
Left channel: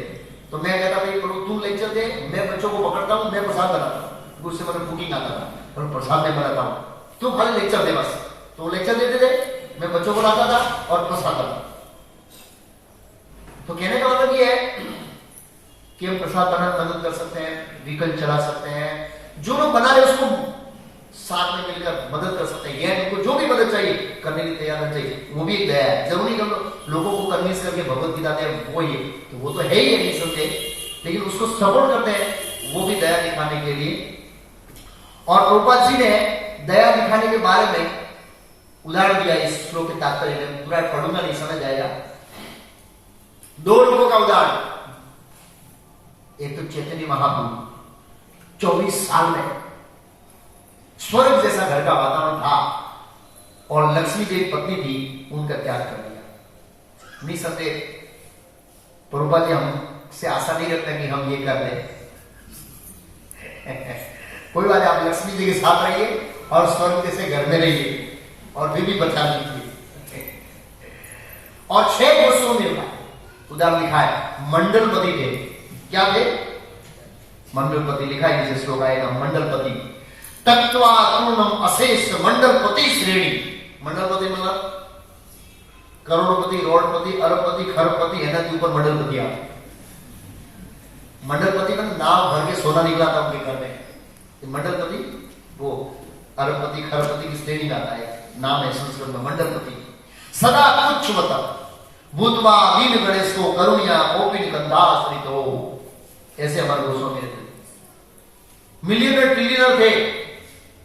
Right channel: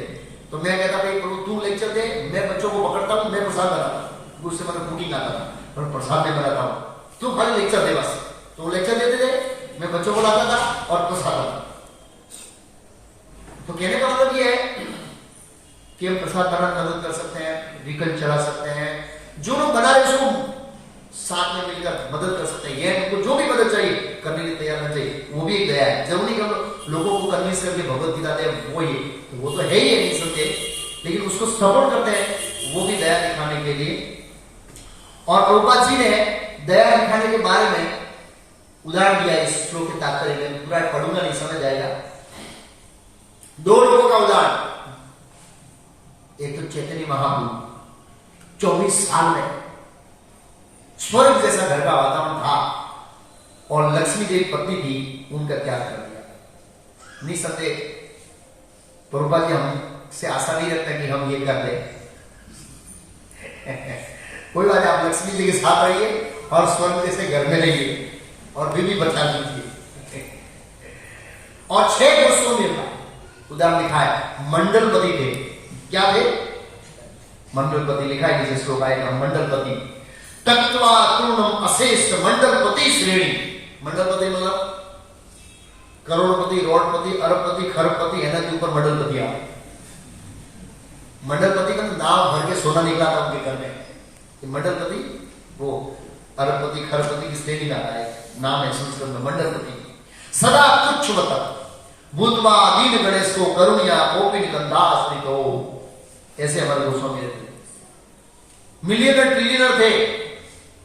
तो मैं कहता भाई तू लेक्चर दे, मैं बच्चों को पकड़ता हूँ, मैं प्रसाद बनाता हूँ। उससे मतलब कुकिंग आता था, और प्रसाद मैं बनाता हूँ, तू खाली लेक्चर दे बस। तो वो लेक्चर देते थे, मैं बच्चों को लाता था और प्रसाद आता। तो कहने का मतलब ये है कि हम प्रसाद बनाने मदद कर सकते हैं, व्हीकल चला सकते हैं, जो लोग बना रहे उसको साथ में मिलकर मदद कर सकते हैं। ये उनको जो भी मदद चाहिए करने की तैयार रहना चाहिए, वो भी एक दया है। जरूरी हम लोगों को कन्विंस करके भगवत गीता दे वो ही, तो वो तो है ही नहीं सकते, लेकिन उसको सपोर्ट करते हैं, वो भी दया दिखाने के लिए। और प्रभुपाद जी ने दया दिखाने के बारे में उदाहरण दिया इस श्लोक के तात्पर्य में, पूरा पढ़ूंगा नहीं, समझ जाएगा। दो लोगों का उदाहरण, एक तो चैतन्य महाप्रभु 24 साल में स्वर्ग जैसा घर का वातावरण था, और लक्ष्मी जी पत्नी थी, उनका त्याग कर दिया। निसंदेह प्रभुपाद जी हम से आशा नहीं रखते कि हम ये कर ले। कोई बात नहीं, आप लक्ष्मी जी के साथ रहिए और स्वर्ग जैसे घर में रहिए और भी बचा दीजिए। और 6 गोष्ठों में उदाहरण लिखा है मंडलपति के। क्या थे? मंडलपति लिखा है, जैसे श्लोक आएगा, मंडलपति तत्वा पूर्णम अशेष मंडलपति श्रेणी। मंडलपति मतलब करोड़पति, रोडपति, अरबपति, खरबपति है ना, के ऊपर मंडलपति आते। मंडलपति का नाम भर के सोना निकला था उनके घर में। मंडलपति वो अरबपति, खरबपति की श्रेणी का है, नाम है संस्कृत में मंडलपति। सदा तुच्छवत भूतवा दीन गणेश को करुणिया कोपिन गंधाश्रित हो। ऐसे हमारे गोस्वामी थे, मिलियनर ट्रिलियनर थे,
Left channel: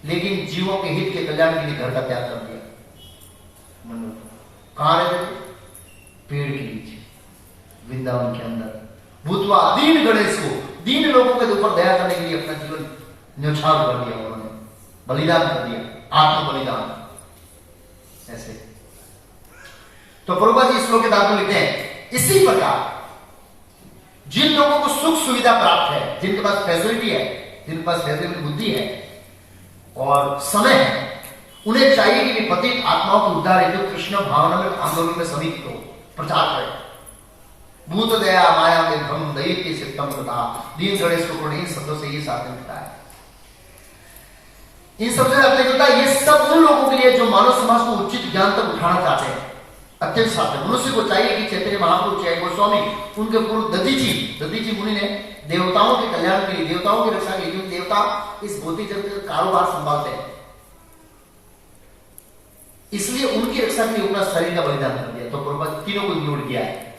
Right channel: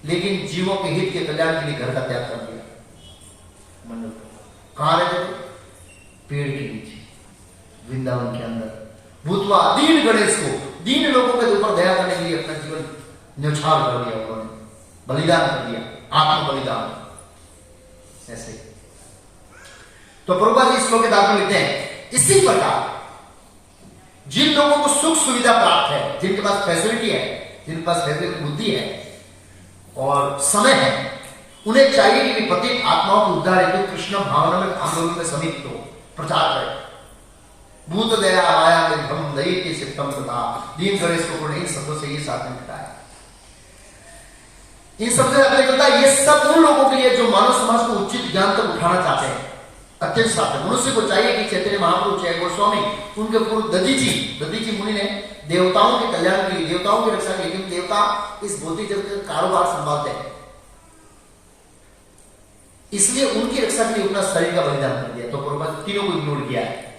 लेकिन जीवों के हित के कल्याण के लिए घर का त्याग कर दिया। मंडलपति कहां रहते थे? पेड़ के नीचे, वृंदावन के अंदर। भूतवा दीन गणेश को, दीन लोगों के ऊपर दया करने के लिए अपना जीवन न्यौछावर कर दिया उन्होंने, बलिदान कर दिया, आत्म बलिदान। ऐसे तो प्रभुपाद जी श्लोक के दांत में लिखते हैं, इसी प्रकार जिन लोगों को सुख सुविधा प्राप्त है, जिनके पास फैसिलिटी है, जिनके पास फैसिलिटी बुद्धि है और समय है, उन्हें चाहिए कि पतित आत्माओं को उद्धार हेतु कृष्ण भावना में आंदोलन में समित हो, प्रचार करें। भूत दया माया में भ्रम दई के सिद्धम तथा दीन गणेश को इन शब्दों से ये साथ मिलता है। इन शब्दों से आपने कहता है, ये सब उन लोगों के लिए जो मानव समाज को उचित ज्ञान तक उठाना चाहते हैं, अत्यंत साथ है। मनुष्य को चाहिए कि चैतन्य महापुरुष है गोस्वामी, उनके पूर्व दधीची मुनि ने देवताओं के कल्याण के लिए, देवताओं की रक्षा के लिए, देवता इस भौतिक जगत का कारोबार संभालते हैं, इसलिए उनकी रक्षा के लिए अपना शरीर का बलिदान कर दिया। तो प्रभुपाद तीनों को इग्नोर किया है।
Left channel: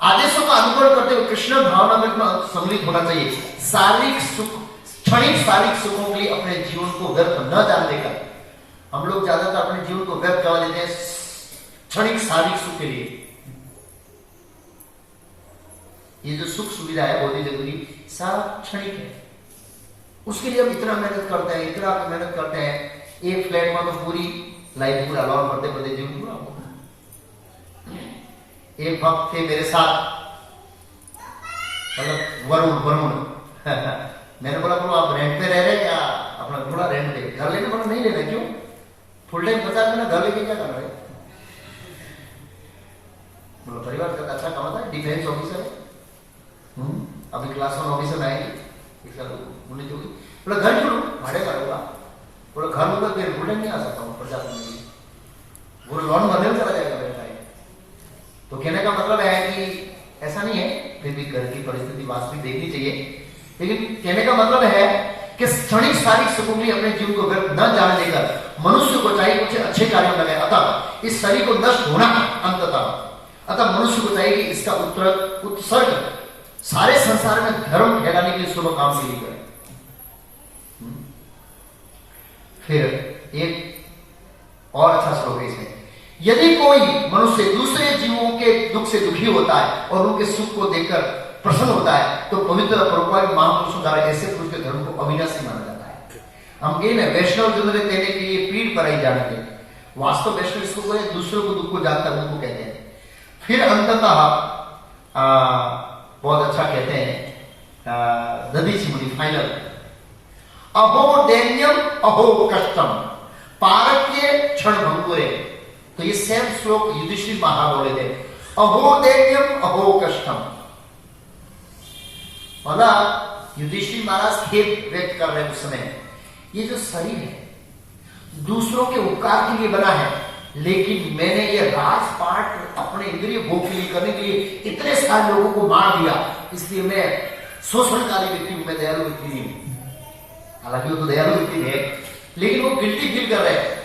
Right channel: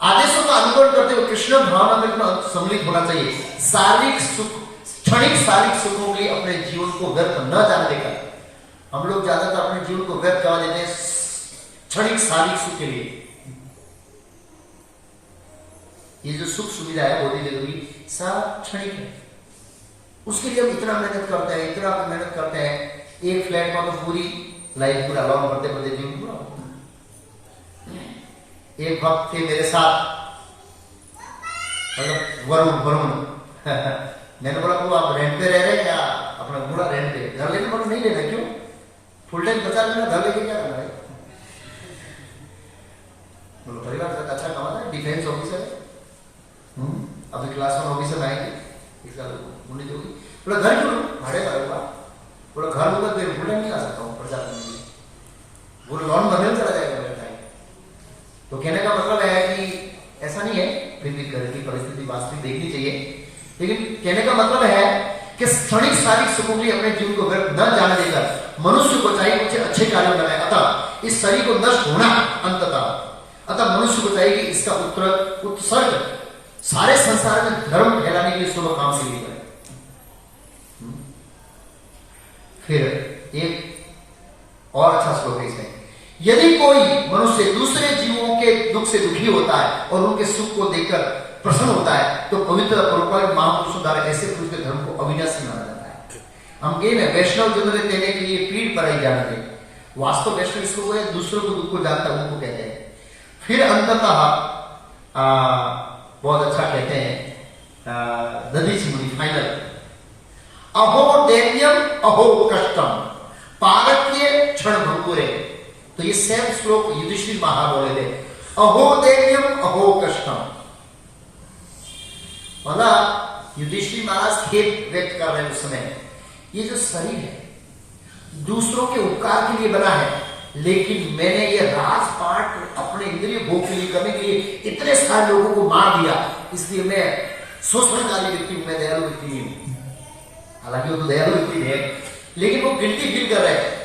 आदेशों का अनुकरण करते हुए कृष्ण भावना में सम्मिलित होना चाहिए। शारीरिक सुख, क्षणिक शारीरिक सुखों के लिए अपने जीवन को व्यर्थ न जान देकर, हम लोग ज्यादातर अपने जीवन को व्यर्थ करवा देते हैं क्षणिक शारीरिक सुख के लिए। ये जो सुख सुविधा है बहुत ही जरूरी, सारा क्षणिक है, उसके लिए हम इतना मेहनत करते हैं, इतना मेहनत करते हैं। एक फ्लैट में तो पूरी लाइफ पूरा लॉन बढ़ते जीवन पूरा। एक भक्त थे मेरे साथ, मतलब वरुण मैंने बोला आप रेंट पे रह रहे क्या? अपना पूरा रेंट पे, घर लेने बोला नहीं ले रहे। क्यों? फुल टाइम 50 दिन घर लेके क्या करना है? बोलो परिवार का अच्छा कमाता है, डिफेंस ऑफिसर है, अभी क्लास 1 ऑफिसर में आएंगे, इसका उन्हें जो बोला घर क्यों भाड़े पर होगा? बोला घर होगा तो फुल टाइम नहीं आ सकता हूँ प्रजाति में, वो लॉन भरने में चला जाएगा मेरा टाइम। तो कहने का मतलब है कि ऐसा नहीं है, फिर भी घर की परिस्थिति वास्तविक देखनी चाहिए, लेकिन कहने का मतलब है कि क्षणिक शारीरिक सुखों के लिए अपने जीवन को व्यर्थ न जाने देकर मनुष्य को चाहिए कुछ अच्छे कार्यों में लगे। अतः इस शरीर को नष्ट होना अंततः, अतः मनुष्य को चाहिए कि इसका उत्सर्ग सारे संसार में धर्म फैलाने के लिए शुभ काम से लिए करें। फिर एक और अच्छा श्लोक है इसमें, यदि कोई मनुष्य दूसरे जीवों के दुख से दुखी होता है और उनके सुख को देखकर प्रसन्न होता है, तो पवित्र परोपकारी महापुरुषों द्वारा ऐसे पुरुष के धर्म को अविनाशी माना जाता है। हम कह रहे वैष्णव जन देने के लिए पीठ पर आई जाने के, वास्तव वैष्णव इसको दूसरों को दुख को जानता है, उनको कहते हैं। फिर अंततः बहुत अच्छा कहते हैं दधीची मुनि फाइनल, अहो दैन्यम अहो कष्टम पारक्य क्षण भंगुरे। तो ये सेम श्लोक युधिष्ठिर महाराज बोले थे, अहो दैन्यम अहो कष्टम, मतलब युधिष्ठिर महाराज खेद व्यक्त कर रहे हैं उस समय, ये जो शरीर है दूसरों के उपकार के लिए बना है, लेकिन मैंने ये राजपाट अपने इंद्रिय भोग के लिए करने के लिए इतने सारे लोगों को मार दिया, इसलिए मैं शोषणकारी व्यक्ति हूं, मैं दयालु व्यक्ति नहीं हूं। हालांकि वो तो दयालु व्यक्ति है, लेकिन वो गिल्टी फील कर रहे हैं,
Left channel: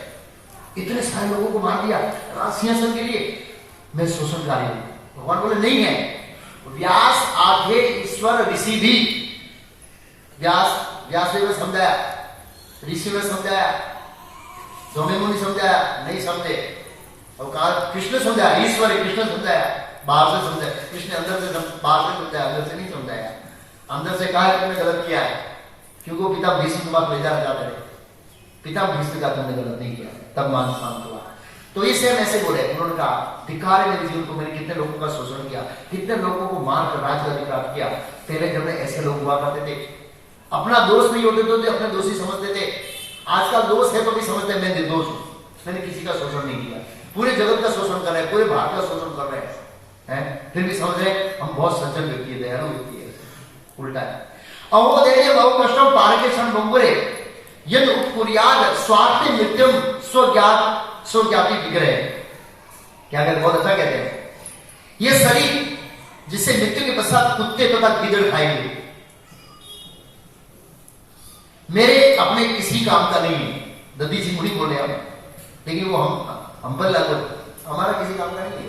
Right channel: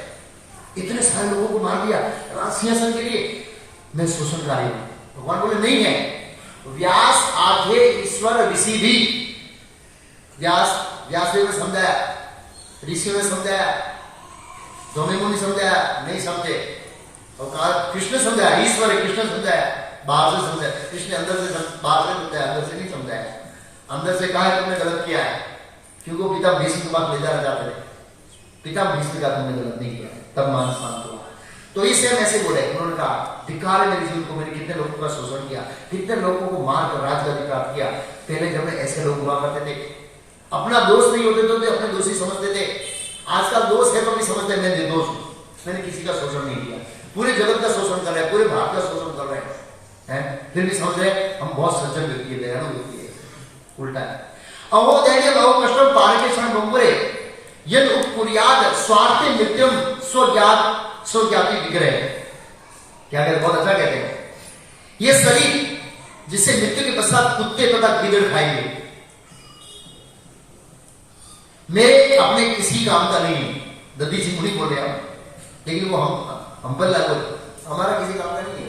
इतने सारे लोगों को मार दिया सिंहासन के लिए, मैं शोषणकारी हूं। भगवान बोले नहीं है, व्यास आधे ईश्वर ऋषि भी, व्यास ने समझाया, ऋषि ने समझाया, दोनों मुनि समझाया, नहीं समझे। और कहा कृष्ण समझाया, ईश्वर है कृष्ण समझाया, बाहर से समझाया, कृष्ण अंदर से बाहर से समझाया, अंदर से नहीं समझाया। अंदर से कहा तुमने गलत किया है, क्योंकि वो पिता भीष्म के पास ले जाना चाहते थे, पिता भीष्म का तुमने गलत नहीं किया, तब मान शांत हुआ। तो इसे हम ऐसे बोले, उन्होंने कहा धिक्कार है मेरे जीवन को, मैंने कितने लोगों का शोषण किया, कितने लोगों को मार कर राज का अधिकार किया। पहले जब ऐसे लोग हुआ करते थे, अपना दोष नहीं होते तो अपने दोषी समझते थे। आजकल दोष है तो भी समझते हैं मैं निर्दोष हूं, मैंने किसी का शोषण नहीं किया। पूरे जगत का शोषण कर रहे हैं, पूरे भारत का शोषण कर रहे हैं, फिर भी समझ रहे हैं हम बहुत सज्जन व्यक्ति है, दयालु व्यक्ति है। उल्टा है। अहो दैन्य बहु कष्टम पारके क्षण बंबरे यद उपकुर्याद स्वार्थी नित्यम स्वज्ञाति विग्रह। क्या कहते, बहुत अच्छा कहते हैं, ये शरीर जिसे मृत्यु के पश्चात कुत्ते तथा गिदड़ खाएंगे, मेरे अपने किसी काम का नहीं है। दद्दी जी मुनि बोल रहे हैं, लेकिन वो हम पर लागू, हमारा किसी काम का नहीं है।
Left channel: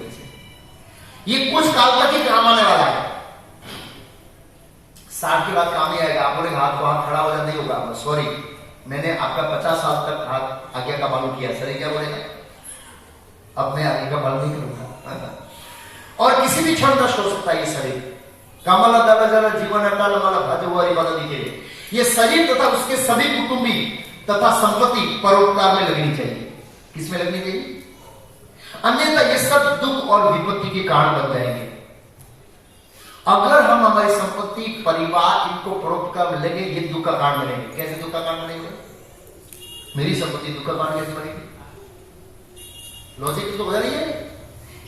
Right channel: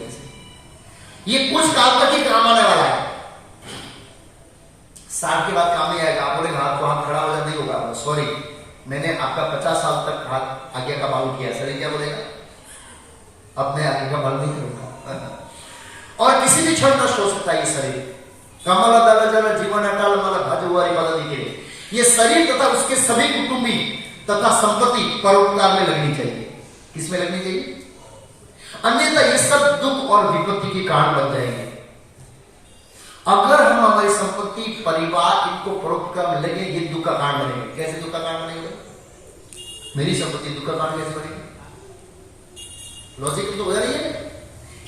ये कुछ काल तक ही काम आने वाला है, 60 के बाद काम नहीं आएगा। आप बोले हाथ तो हाथ खड़ा हो जाए, नहीं होगा, सॉरी मैंने आपका 50 साल तक हाथ आगे का मालूम किया, शरीर क्या बोलेगा, अब मैं आगे का मालूम नहीं करूंगा। और किसी भी क्षण नष्ट हो सकता है ये शरीर। कमल दल जल जीवन अटल मल भजवारी बदल के, ये शरीर तथा उसके सभी कुटुंबी तथा संपत्ति परोपकार में लगनी चाहिए। किसमें लगनी चाहिए? अन्यथा ये सब दुख और विपत्ति के कारण बन जाएंगे। अगर हम हमारी संपत्ति परिवार इनको परोपकार में लगे, ये दुख का कारण बनेंगे। कैसे दुख का कारण बनेंगे? मेरी संपत्ति दुख का कारण कैसे बनेगी? लॉजिक तो बदल रही है।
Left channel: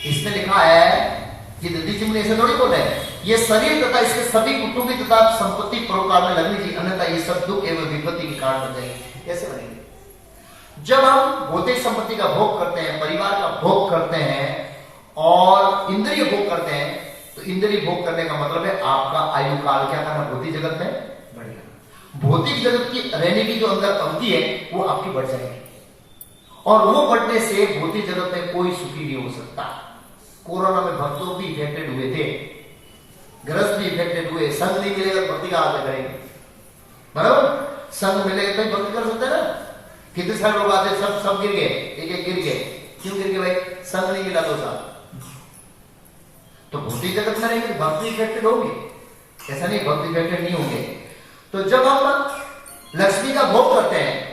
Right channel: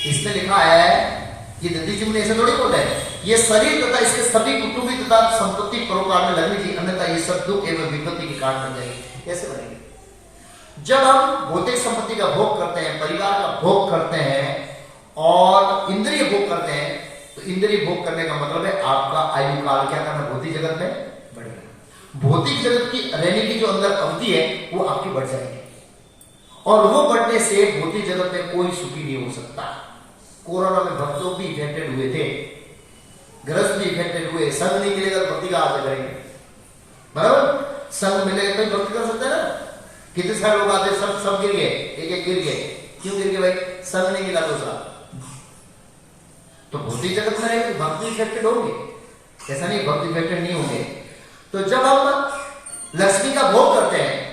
इसमें लिखा है कि दद्दी जी ने ऐसे थोड़ी बोला है, ये शरीर तथा इसके सभी कुटुंबी तथा संपत्ति परोपकार में लगनी चाहिए, अन्यथा ये सब दुख एवं विपत्ति के कारण बन जाएंगे। कैसे बनेंगे? जब हम भौतिक संपत्ति का भोग करते हैं, परिवार का भोग करते हैं और इंद्रिय भोग करते हैं, तो इंद्रिय भोग करने का मतलब है आपका आयु काल क्या करना, भौतिक जगत में बढ़ेगा। भौतिक जगत की रहने की जो अंदर अवधि है वो आपकी बढ़ जाएगी, और वो बढ़ने से भौतिक जगत में कोई सुखी नहीं हो सकता। कोरोना में भक्तों भी इफेक्टेड हुए थे, ग्रस्त भी इफेक्टेड हुए। संघ नहीं मिलेगा भक्ति का हाथ लगाएंगे, बराबर? संघ मिलेगा तो भक्ति कर सकते ना। कितने सारे लोग आते, सब गिर गए, एक गिर गए। क्यों गिर गए भाई? संघ नहीं मिला तो साहब। तो भौतिक जगत में रहेंगे, भक्ति इफेक्टेड होंगे, ऐसा नहीं भक्ति इफेक्टेड नहीं होंगे। तो जब हम लक्ष्मी का भोग करते हैं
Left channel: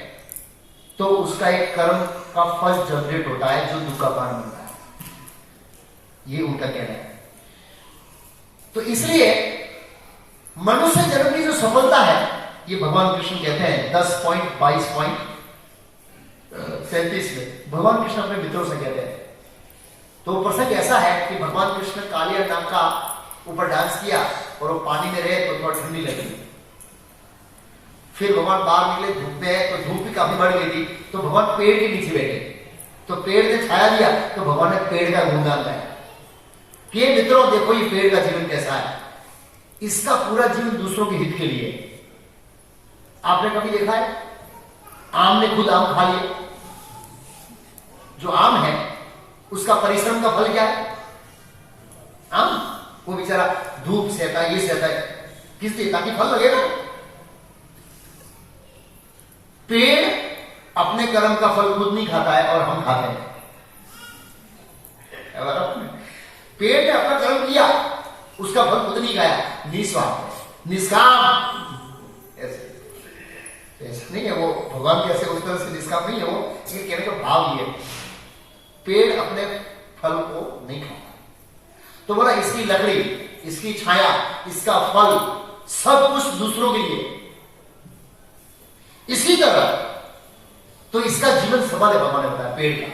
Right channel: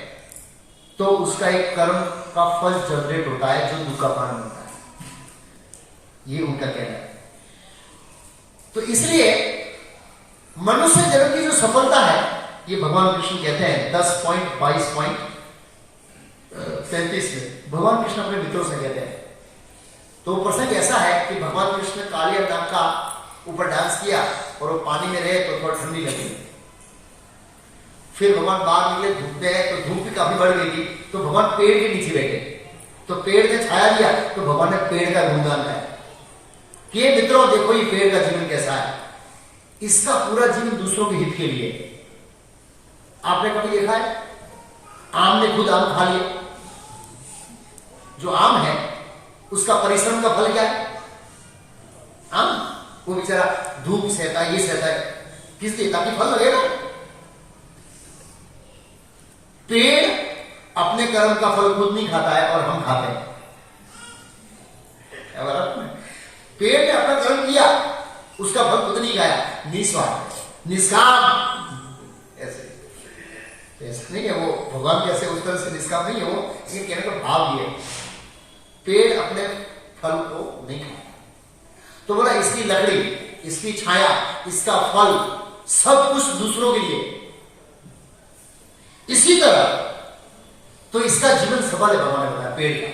तो उसका एक कर्म का फल जनरेट होता है जो दुख का कारण बनता है, ये उनका कहना है। तो इसलिए मनुष्य जगत की जो सफलता है, ये भगवान कृष्ण कहते हैं 10.22.33 में भगवान कृष्ण अपने मित्रों से कहते हैं। तो प्रसंग ऐसा है कि भगवान कृष्ण कालिया नाग का ऊपर डांस किया और वो पानी में रहे तो थोड़ा ठंडी लगी। फिर भगवान बाहर निकले, धूप में है तो धूप भी काफी बढ़ गई थी, तो भगवान पेड़ के नीचे बैठे, तो पेड़ ने छाया दिया, तो भगवान ने पेड़ का गुणगान गाया कि मित्रों देखो ये पेड़ का जीवन कैसा है, इसका पूरा जीवन दूसरों के हित के लिए। आपने कभी देखा है आम ने खुद आम खा लिए? जो आम है उसका परिश्रम का फल क्या है? आम, वो बेचारा धूप सहता है, ये सहता है, किसके? ताकि फल लगे ना। पेड़ अपने कर्म का फल खुद नहीं खाता है और हम खाते हैं। पेड़ ने अपना कर्म किया, उसका फल खुद नहीं खाया, निस्वार्थ निष्काम। ऐसे नहीं है वो, भगवान कैसे उस तरह से निष्काम नहीं है वो, ये कहने का भाव ये है पेड़ अपने फल को नहीं खाता। तो बोला इसकी लकड़ी, इसकी छाया, इसका फल सब कुछ दूसरों के लिए। इसी तरह तो इसका जीवन सफल है, भगवान ने बताया पेड़ का।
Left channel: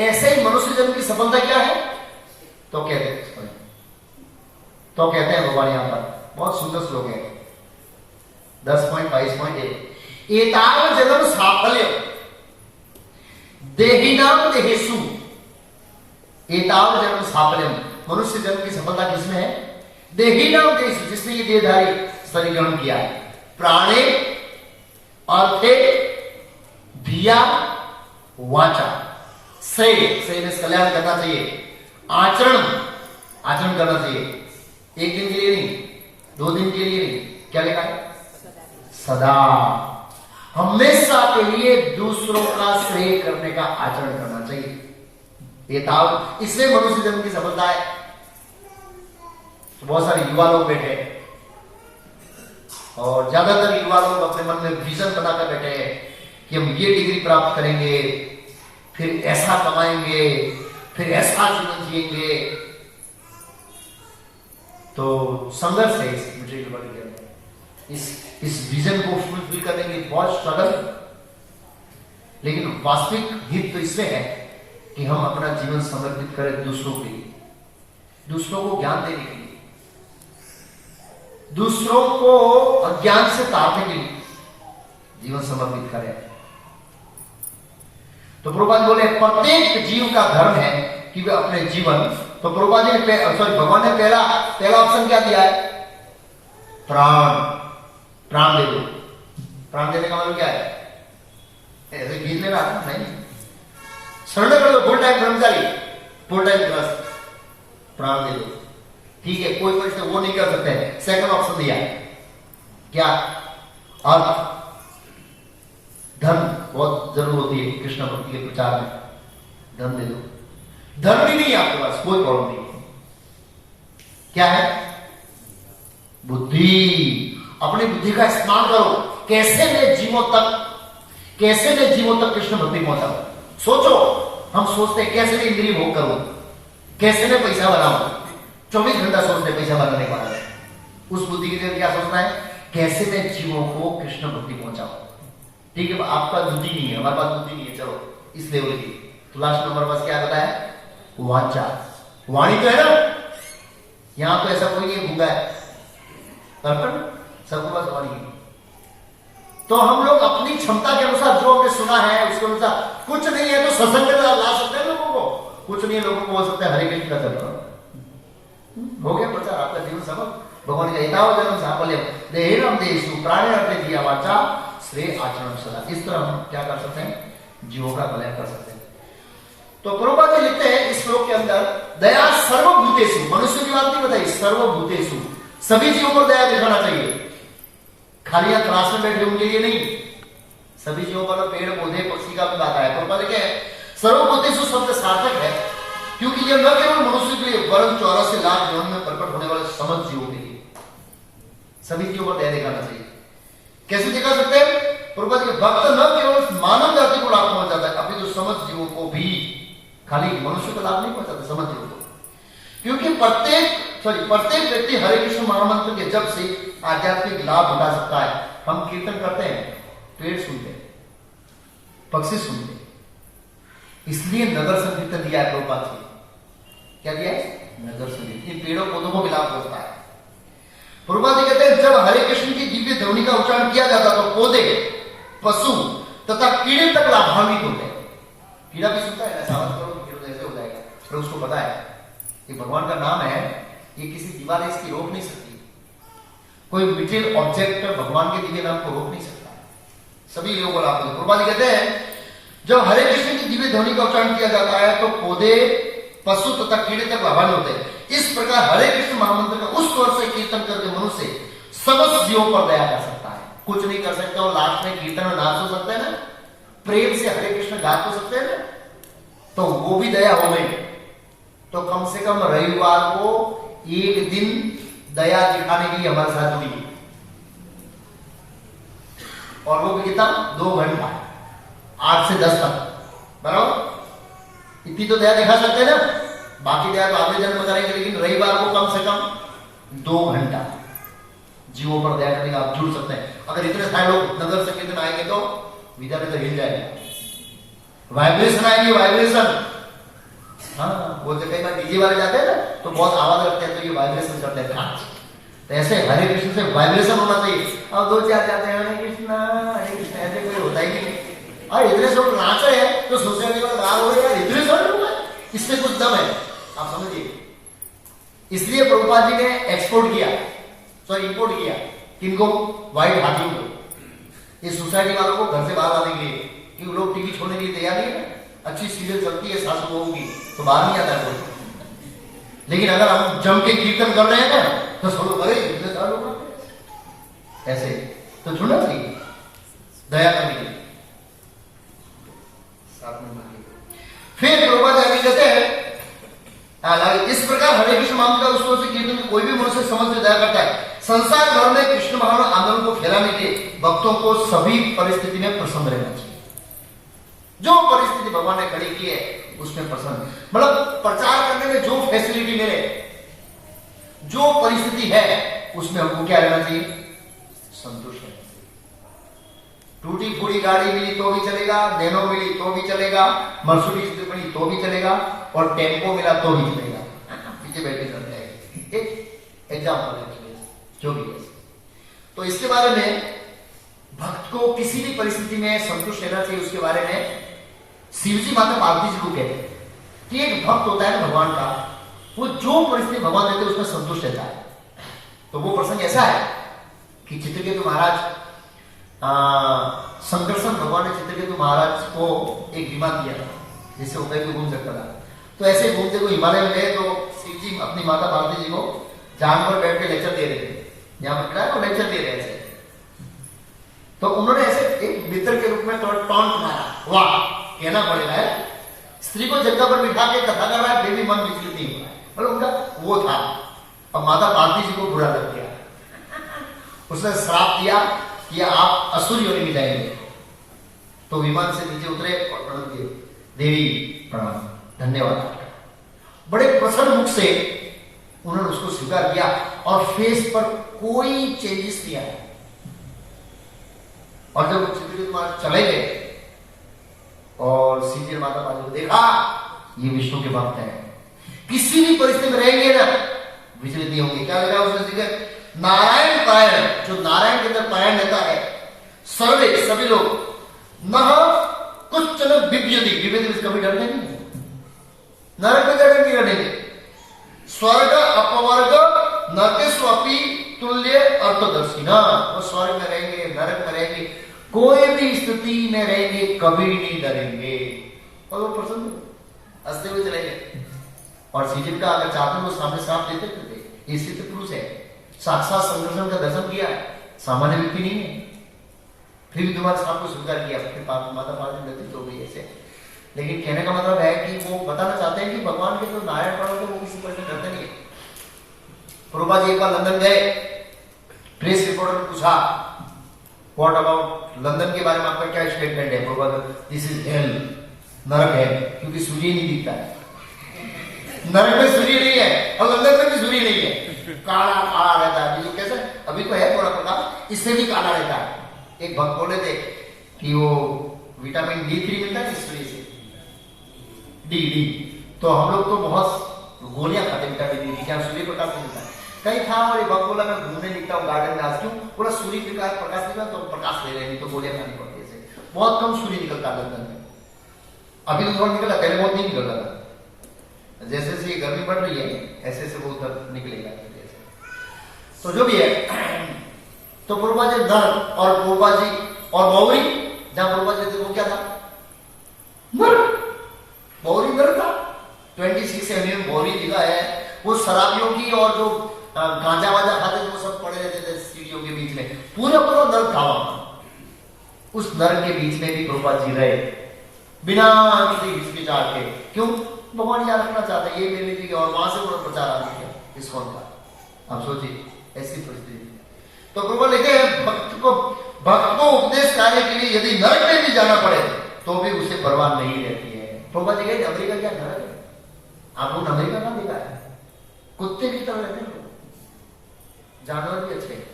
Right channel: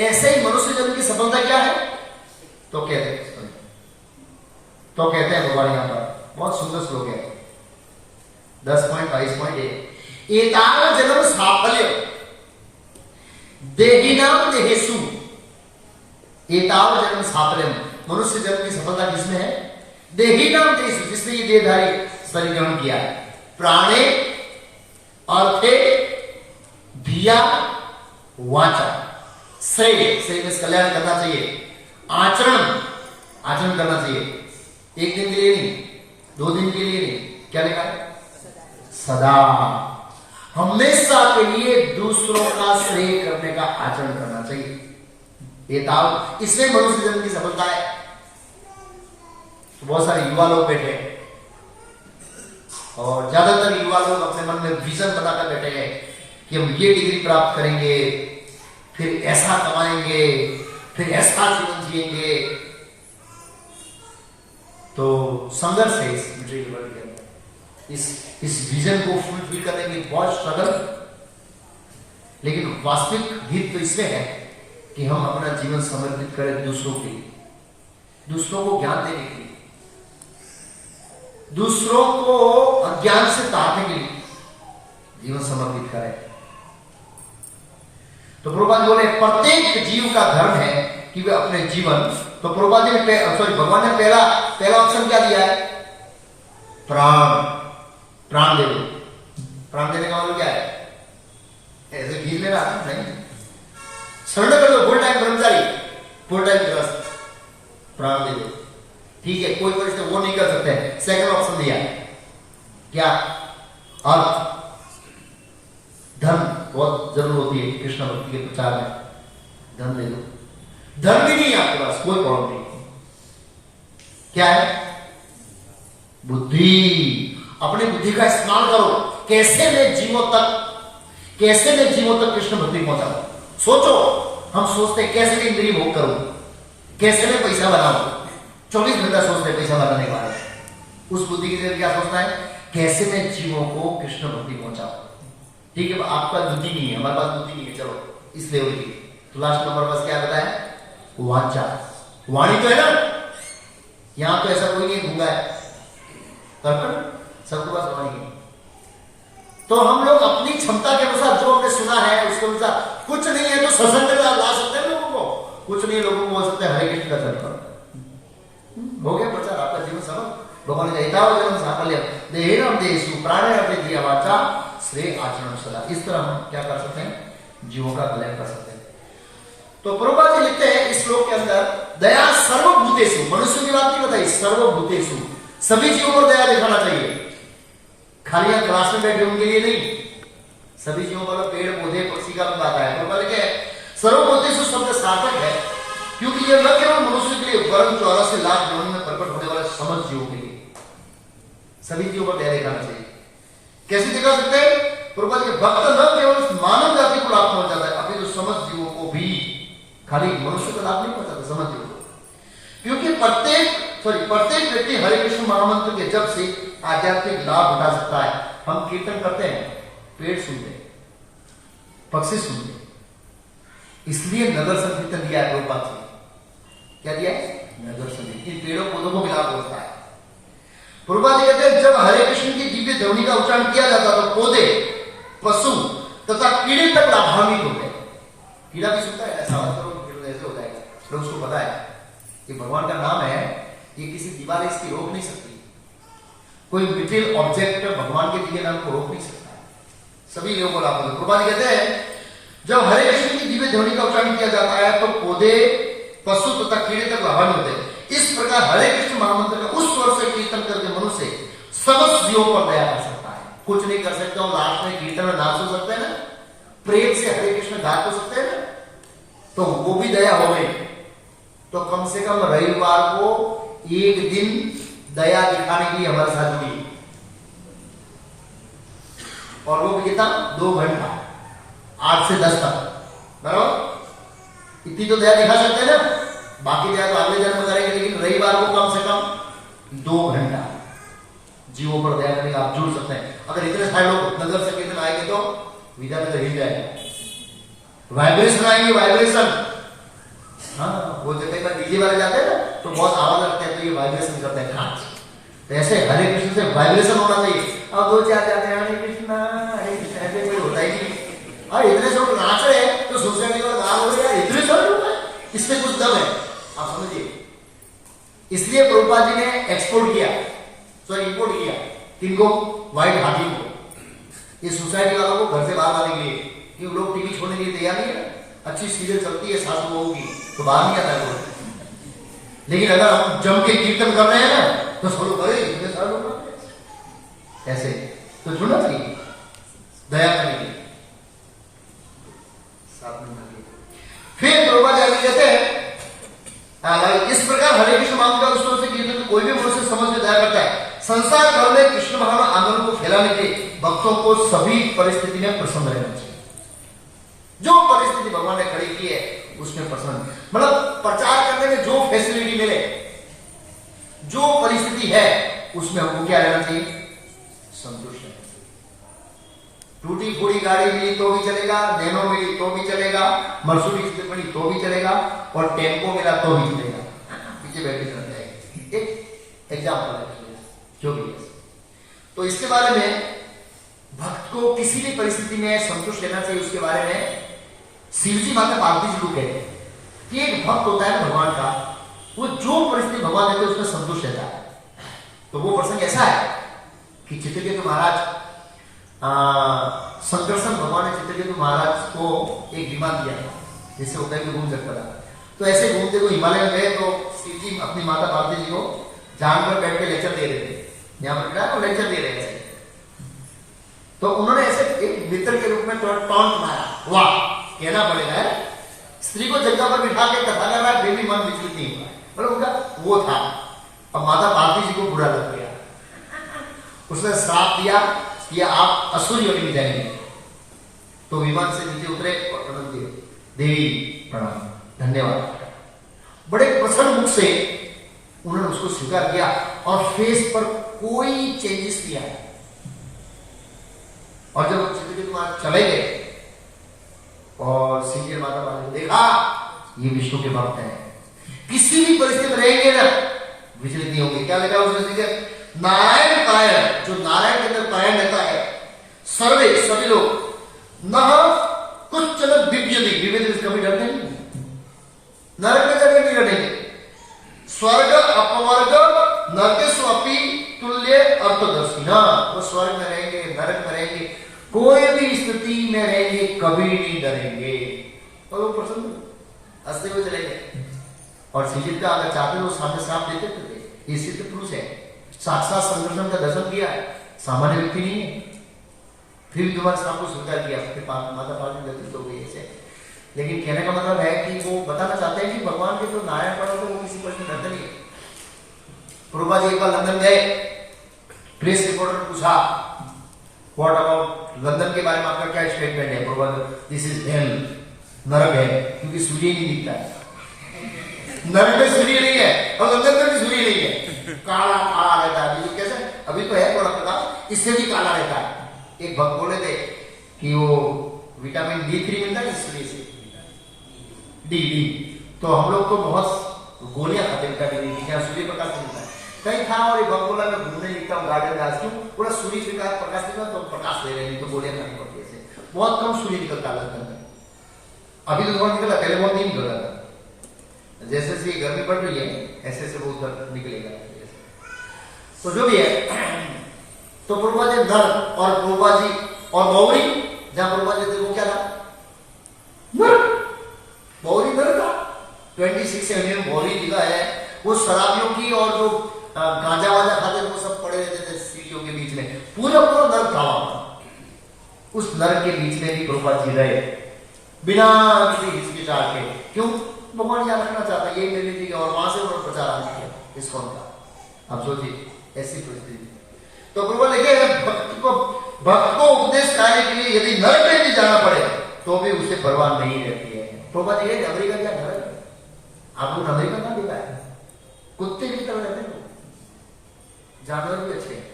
ऐसे ही मनुष्य जन्म की सफलता क्या है? तो कहते हैं भगवान यहां पर बहुत सुंदर श्लोक है 10.22.1 एताव जन्म साफल्य देहिनाम देहेषु। एताव जन्म साफल्य, मनुष्य जन्म की सफलता किसमें है? देहिनाम देहेषु, जिसने ये देहधारी शरीर ग्रहण किया है। प्राणे अर्थे धिया वाचा, सही कल्याण करना चाहिए, आचरण करना चाहिए। एक दिन के लिए नहीं, 2 दिन के लिए नहीं, क्या लिखा है? सदा, हमेशा के लिए दूसरों का श्रेय करने का आचरण करना चाहिए। ये ताव, इसमें मनुष्य जन्म की सफलता है। तो बहुत सारे युवा लोग बैठे हैं और ज्यादातर युवा लोग अपने मन में विजन बनाकर बैठे हैं कि हम ये डिग्री प्राप्त करेंगे, फिर ऐसा कमाएंगे, फिर ऐसा जीवन जिएंगे। तो संघर्ष है इस मटेरियल वर्ल्ड के अंदर, इस विजन को फुलफिल करने के लिए बहुत स्ट्रगल। लेकिन वास्तविक हित तो इसमें है कि हम अपना जीवन समर्पित करें दूसरों के लिए, दूसरों को ज्ञान देने के लिए, दूसरों को अज्ञान से तारने के लिए जीवन समर्पित करें। तो प्रभुपाद बोले प्रत्येक जीव का धर्म है कि वे अपने जीवन, तो प्रभुपाद जी ने भगवान ने पहला ऑप्शन क्या दिया है? प्राण दे दो। प्राण देने का मतलब क्या है? ऐसे घीर ले रहा है नहीं, सरेंडर कर दो, फुल टाइम ब्रह्मचारी, फुल टाइम ग्रस्त, प्राण दे दो। ठीक है, कोई परिस्थिति वो नहीं कर सकते। सेकंड ऑप्शन दिया है क्या? अर्थ, धन बहुत जरूर होती है कृष्ण भक्ति के प्रचार में, धन दे दो। धन भी नहीं आपके पास, कोई प्रॉब्लम नहीं। क्या है? बुद्धि। अपनी बुद्धि का इस्तेमाल करो। कैसे मैं जीवों तक कृष्ण भक्ति पहुंचाऊं? सोचो, हम सोचते कैसे मैं इंद्रिय भोग करूं, कैसे मैं पैसा बनाऊं, 24 घंटा सोचते पैसा बनाने का है। उस बुद्धि के लिए क्या सोचना है? कैसे मैं जीवों को कृष्ण भक्ति पहुंचाऊं। ठीक है, आपका बुद्धि नहीं है, हमारे पास बुद्धि नहीं है, चलो इस लेवल की। तो लास्ट नंबर पास क्या बताया? वाचा। वाणी तो है ना, यहां तो ऐसा कोई नहीं भूंगा है, तर्पण सबके पास वाणी है। तो हम लोग अपनी क्षमता के अनुसार जो हमने सुना है उसके अनुसार, कुछ नहीं है तो सत्संग में ला सकते हैं लोगों को, कुछ नहीं लोगों को बोल सकते हैं हरे कृष्ण का तर्पण। हो गया प्रचार, आपका जीवन समझ। भगवान ने जन्म साफल्य देहम देशु प्राणे दिया वाचा श्रेय आचरण सदा। इस तरह हम क्या कर सकते हैं? जीवों का कल्याण कर सकते हैं। तो प्रभुपाद जी लिखते हैं इस श्लोक के अंदर, दया सर्वभूतेषु, मनुष्य की बात नहीं बताई, सर्वभूतेषु, सभी जीवों पर दया दिखाना चाहिए। खाली यहाँ क्लास में बैठे उनके लिए नहीं, सभी जीवों पर, पेड़ पौधे पक्षी का भी आता है। प्रभुपाद लिखे सर्वभूतेषु शब्द सार्थक है क्योंकि यह न केवल मनुष्य के लिए वरन 84 लाख जीवन में प्रकट होने वाले समस्त जीवों के लिए, सभी जीवों पर दया दिखाना चाहिए। कैसे दिखा सकते हैं? प्रभुपाद के भक्त न केवल मानव जाति को लाभ पहुंचाता है, अभी जो समस्त जीवों को भी, खाली मनुष्य को लाभ नहीं पहुंचाता, समस्त जीवों को। क्योंकि प्रत्येक व्यक्ति हरे कृष्ण महामंत्र के जब से आध्यात्मिक लाभ उठा सकता है। हम कीर्तन करते हैं, पेड़ सुनते हैं, पक्षी सुनते हैं, इसलिए नगर संकीर्तन दिया है प्रभुपाद जी। क्या दिया है? नगर संकीर्तन। पेड़ों पौधों को भी लाभ होता है। प्रभुपाद जी कहते हैं जब हरे कृष्ण की दिव्य ध्वनि का उच्चारण किया जाता तो पौधे, पशु तथा कीड़े तक लाभान्वित होते हैं। कीड़ा भी सुनता है, ऐसा ऐसे हो जाएगा, फिर उसको पता है कि भगवान का नाम है, ये किसी दीवार इसकी रोक नहीं सकती, कोई मिटेरियल ऑब्जेक्ट भगवान के दिव्य नाम को रोक नहीं सकता। सभी लोगों को लाभ होता है। प्रभुपाद जी कहते हैं जब हरे कृष्ण की दिव्य ध्वनि का उच्चारण किया जाता है तो पौधे, पशु तथा कीड़े तक लाभान्वित होते हैं। इस प्रकार हरे कृष्ण महामंत्र का उस स्वर से कीर्तन करके मनुष्य समस्त जीवों पर दया कर सकता है। कुछ नहीं कर सकता और लास्ट में कीर्तन में नाच हो सकते हैं ना, प्रेम से हरे कृष्ण गा हो सकते हैं ना, तो वो भी दया हो गई। तो कम से कम रविवार को एक दिन दया दिखाने के लिए हमारे साथ भी, और वो भी कितना? 2 घंटा, 8 से 10 तक, बराबर। इतनी तो दया दिखा सकते हैं ना, बाकी दया तो अगले जन्म में करेंगे, लेकिन रविवार को कम से कम 2 घंटा जीवों पर दया करने का आप जुड़ सकते हैं। अगर इतने सारे लोग नगर संकीर्तन आएंगे तो विद्यानगर हिल जाएगा, वाइब्रेशन आएंगे, वाइब्रेशन। हाँ, वो जगह का डीजे वाले जाते हैं ना तो बहुत आवाज रखते हैं, तो ये वाइब्रेशन करते हैं। तो ऐसे हरे कृष्ण से वाइब्रेशन होना चाहिए। अब 2-4 जाते हैं हरे कृष्ण ऐसे कोई होता ही नहीं। हाँ, इतने सब नाच रहे हैं तो सोसाइटी का गाल हो गया, इतने सब लोग हैं, इसमें कुछ दम है, आप समझिए। इसलिए प्रभुपाद जी ने एक्सपोर्ट किया, इंपोर्ट किया किनको? व्हाइट हाथी को। इस सोसाइटी वालों को घर से बाहर आने के लिए, क्योंकि लोग टीवी छोड़ने के लिए तैयार नहीं है। अच्छी सीरियल चलती है, सास बहू की, तो बाहर नहीं आता लोग। लेकिन अगर हम जम के कीर्तन कर रहे हैं ना तो सब लोग करे, इतने सारे लोग ऐसे, तो जुड़ना चाहिए दया करने के लिए। फिर प्रभुपाद जी कहते हैं इस प्रकार हरे कृष्ण नाम का उसको से कीर्तन कोई भी मनुष्य समझ में दया करता है। संसार भर में कृष्ण भावना आंदोलन को फैलाने के भक्तों को सभी परिस्थिति में प्रसन्न रहना चाहिए। जो परिस्थिति भगवान ने खड़ी की है उसमें प्रसन्न, मतलब प्रचार करने में जो फैसिलिटी मिले, जो परिस्थिति है उसमें हमको क्या रहना चाहिए, संतुष्ट रहना चाहिए। टूटी फूटी गाड़ी मिली तो भी चलेगा, नैनो मिली तो भी चलेगा, मर्सिडीज मिली तो भी चलेगा, और टेम्पो मिला तो भी चलेगा, पीछे बैठे चल जाएगा। एक एग्जाम्पल है जो भी है। तो इसके बारे में भक्त को किसी भी परिस्थिति में संतुष्ट रहना चाहिए। उसके बारे में शिवजी माता पार्वती जी को कहते हैं कि एक भक्त होता है भगवान का, वो जो परिस्थिति भगवान देते हैं उसमें संतुष्ट रहता है। तो वो प्रसंग ऐसा है कि चित्रकेतु महाराज, संकर्षण भगवान ने चित्रकेतु महाराज को एक विमान दिया था जिससे होता है कि घूम सकता था। तो ऐसे घूमते हुए हिमालय में गए तो शिव जी अपनी माता पार्वती जी को जानवर बैठ के लेक्चर दे रहे थे, यहाँ पर लेक्चर दे रहे थे। तो उन्होंने ऐसे एक मित्र के रूप में थोड़ा टॉन्ट मारा, वाह कहना पड़ेगा है, स्त्री को जगह पर बिठा के कथा कर रहा है, बेबी मन विचलित नहीं हुआ, मतलब उनका वो था। अब माता पार्वती जी को बुरा लग गया, उसने श्राप दिया कि आप असुर योनि में जाएंगे। तो विमान से नीचे उतरे और प्रणत किए, देवी प्रणाम, धन्यवाद। बड़े प्रसन्न मुख से उन्होंने उसको स्वीकार किया और फेस पर कोई चेंजेस नहीं आया। और जब चित्रकेतु महाराज चले गए और सीधे माता पार्वती को देखा, ये विष्णु के भक्त हैं, किसी भी परिस्थिति में रहेंगे ना विचलित नहीं होंगे। क्या लगा उसने सीधे नारायण पारायण, जो नारायण के अंदर पारायण रहता है, सर्वे सभी लोग न कुछ चलो विभ्यति कभी डरते नहीं, नरक में जाकर नहीं डरेंगे, स्वर्ग अपवर्ग नरकेष्वपि तुल्य अर्थदर्शी, ना वो स्वर्ग में रहेंगे, नरक में रहेंगे, कोई भी स्थिति में रहेंगे, कभी नहीं डरेंगे। और वो प्रसन्न हंसते हुए चलेंगे। और श्रीजी का अगर चाहते वो सामने श्राप देते थे, ये सिद्ध पुरुष है, साक्षात संदर्शन का दर्शन किया है, सामान्य व्यक्ति नहीं है, फिर भी तुम्हारे श्राप को स्वीकार किया, फिर माता पार्वती गति हो गई ऐसे। लेकिन कहने का मतलब है कि वो बताना चाहते हैं कि भगवान के जो नारायण पड़ो तो वो किसी तरह से डरते नहीं। प्रभुपा जी एक बार लंदन गए, प्रेस रिपोर्टर ने पूछा व्हाट अबाउट लंदन के बारे में आपका क्या स्टेटमेंट है। प्रभुपा, दिस इज हेल, नरक है, क्योंकि सूर्य नहीं दिखता है, नरक में सूर्य नहीं है और लंदन में भी सूर्य नहीं है, काला काला रहता है। बीजू कैसे, अभी तो है थोड़ा प्रकाश, इससे भी काला रहता है। एक भक्त बोले थे कि वो विटामिन D3 मिलता है सूर्य से, डी, तो हम लोग तो बहुत गोलियां खाते विटामिन डी, क्या सूर्य प्रकाश नहीं मिलता। कहीं था और एक भक्त बोला मैं घूमने निकला हूँ गार्डन में, आज क्यों पूरा सूर्य प्रकाश निकला तो प्रकाश ले लेनी, तो गोलियां खानी पड़ती है, बहुत कम सूर्य निकलता लंदन में। अभी तो थोड़ा निकला, पहले बहुत नहीं निकलता था। जैसे जैसे गर्मी बढ़ रही है ऐसे ऐसे बहुत निकलेगा। तो जो भी है, तो पूर्वा जी नर और पूर्वा जी और मौरी, जहां पूर्वा जी थे वो क्या था, नर, मौरी नर था। 26 में मौरी लिखा है, वो शराबियों की और जो गांजा वाजा खाते थे वो सब पड़े रहते थे सीढ़ियों के बीच में, पूरा पूरा नर था। उस नर के बीच में भी पूर्वा जी रहे बिना किसी हिचकिचाहट के। क्यों, भगवान याद रखना चाहता है, ये मिलने की और वहां से उन्होंने प्रचार आरंभ किया इस कौन का। आप सोचिए ऐसी परिस्थिति। तो प्रभु लिखे भक्त को उपदेश कार्य के लिए यदि नरक में भी जाना पड़े तो भी उसे परवाह नहीं रहती है। प्रभु जी अमेरिका क्या नरक है, आपको अमेरिका ना देखा है, कुत्ते की तरह रहते हैं, जानवर भी अच्छे हैं।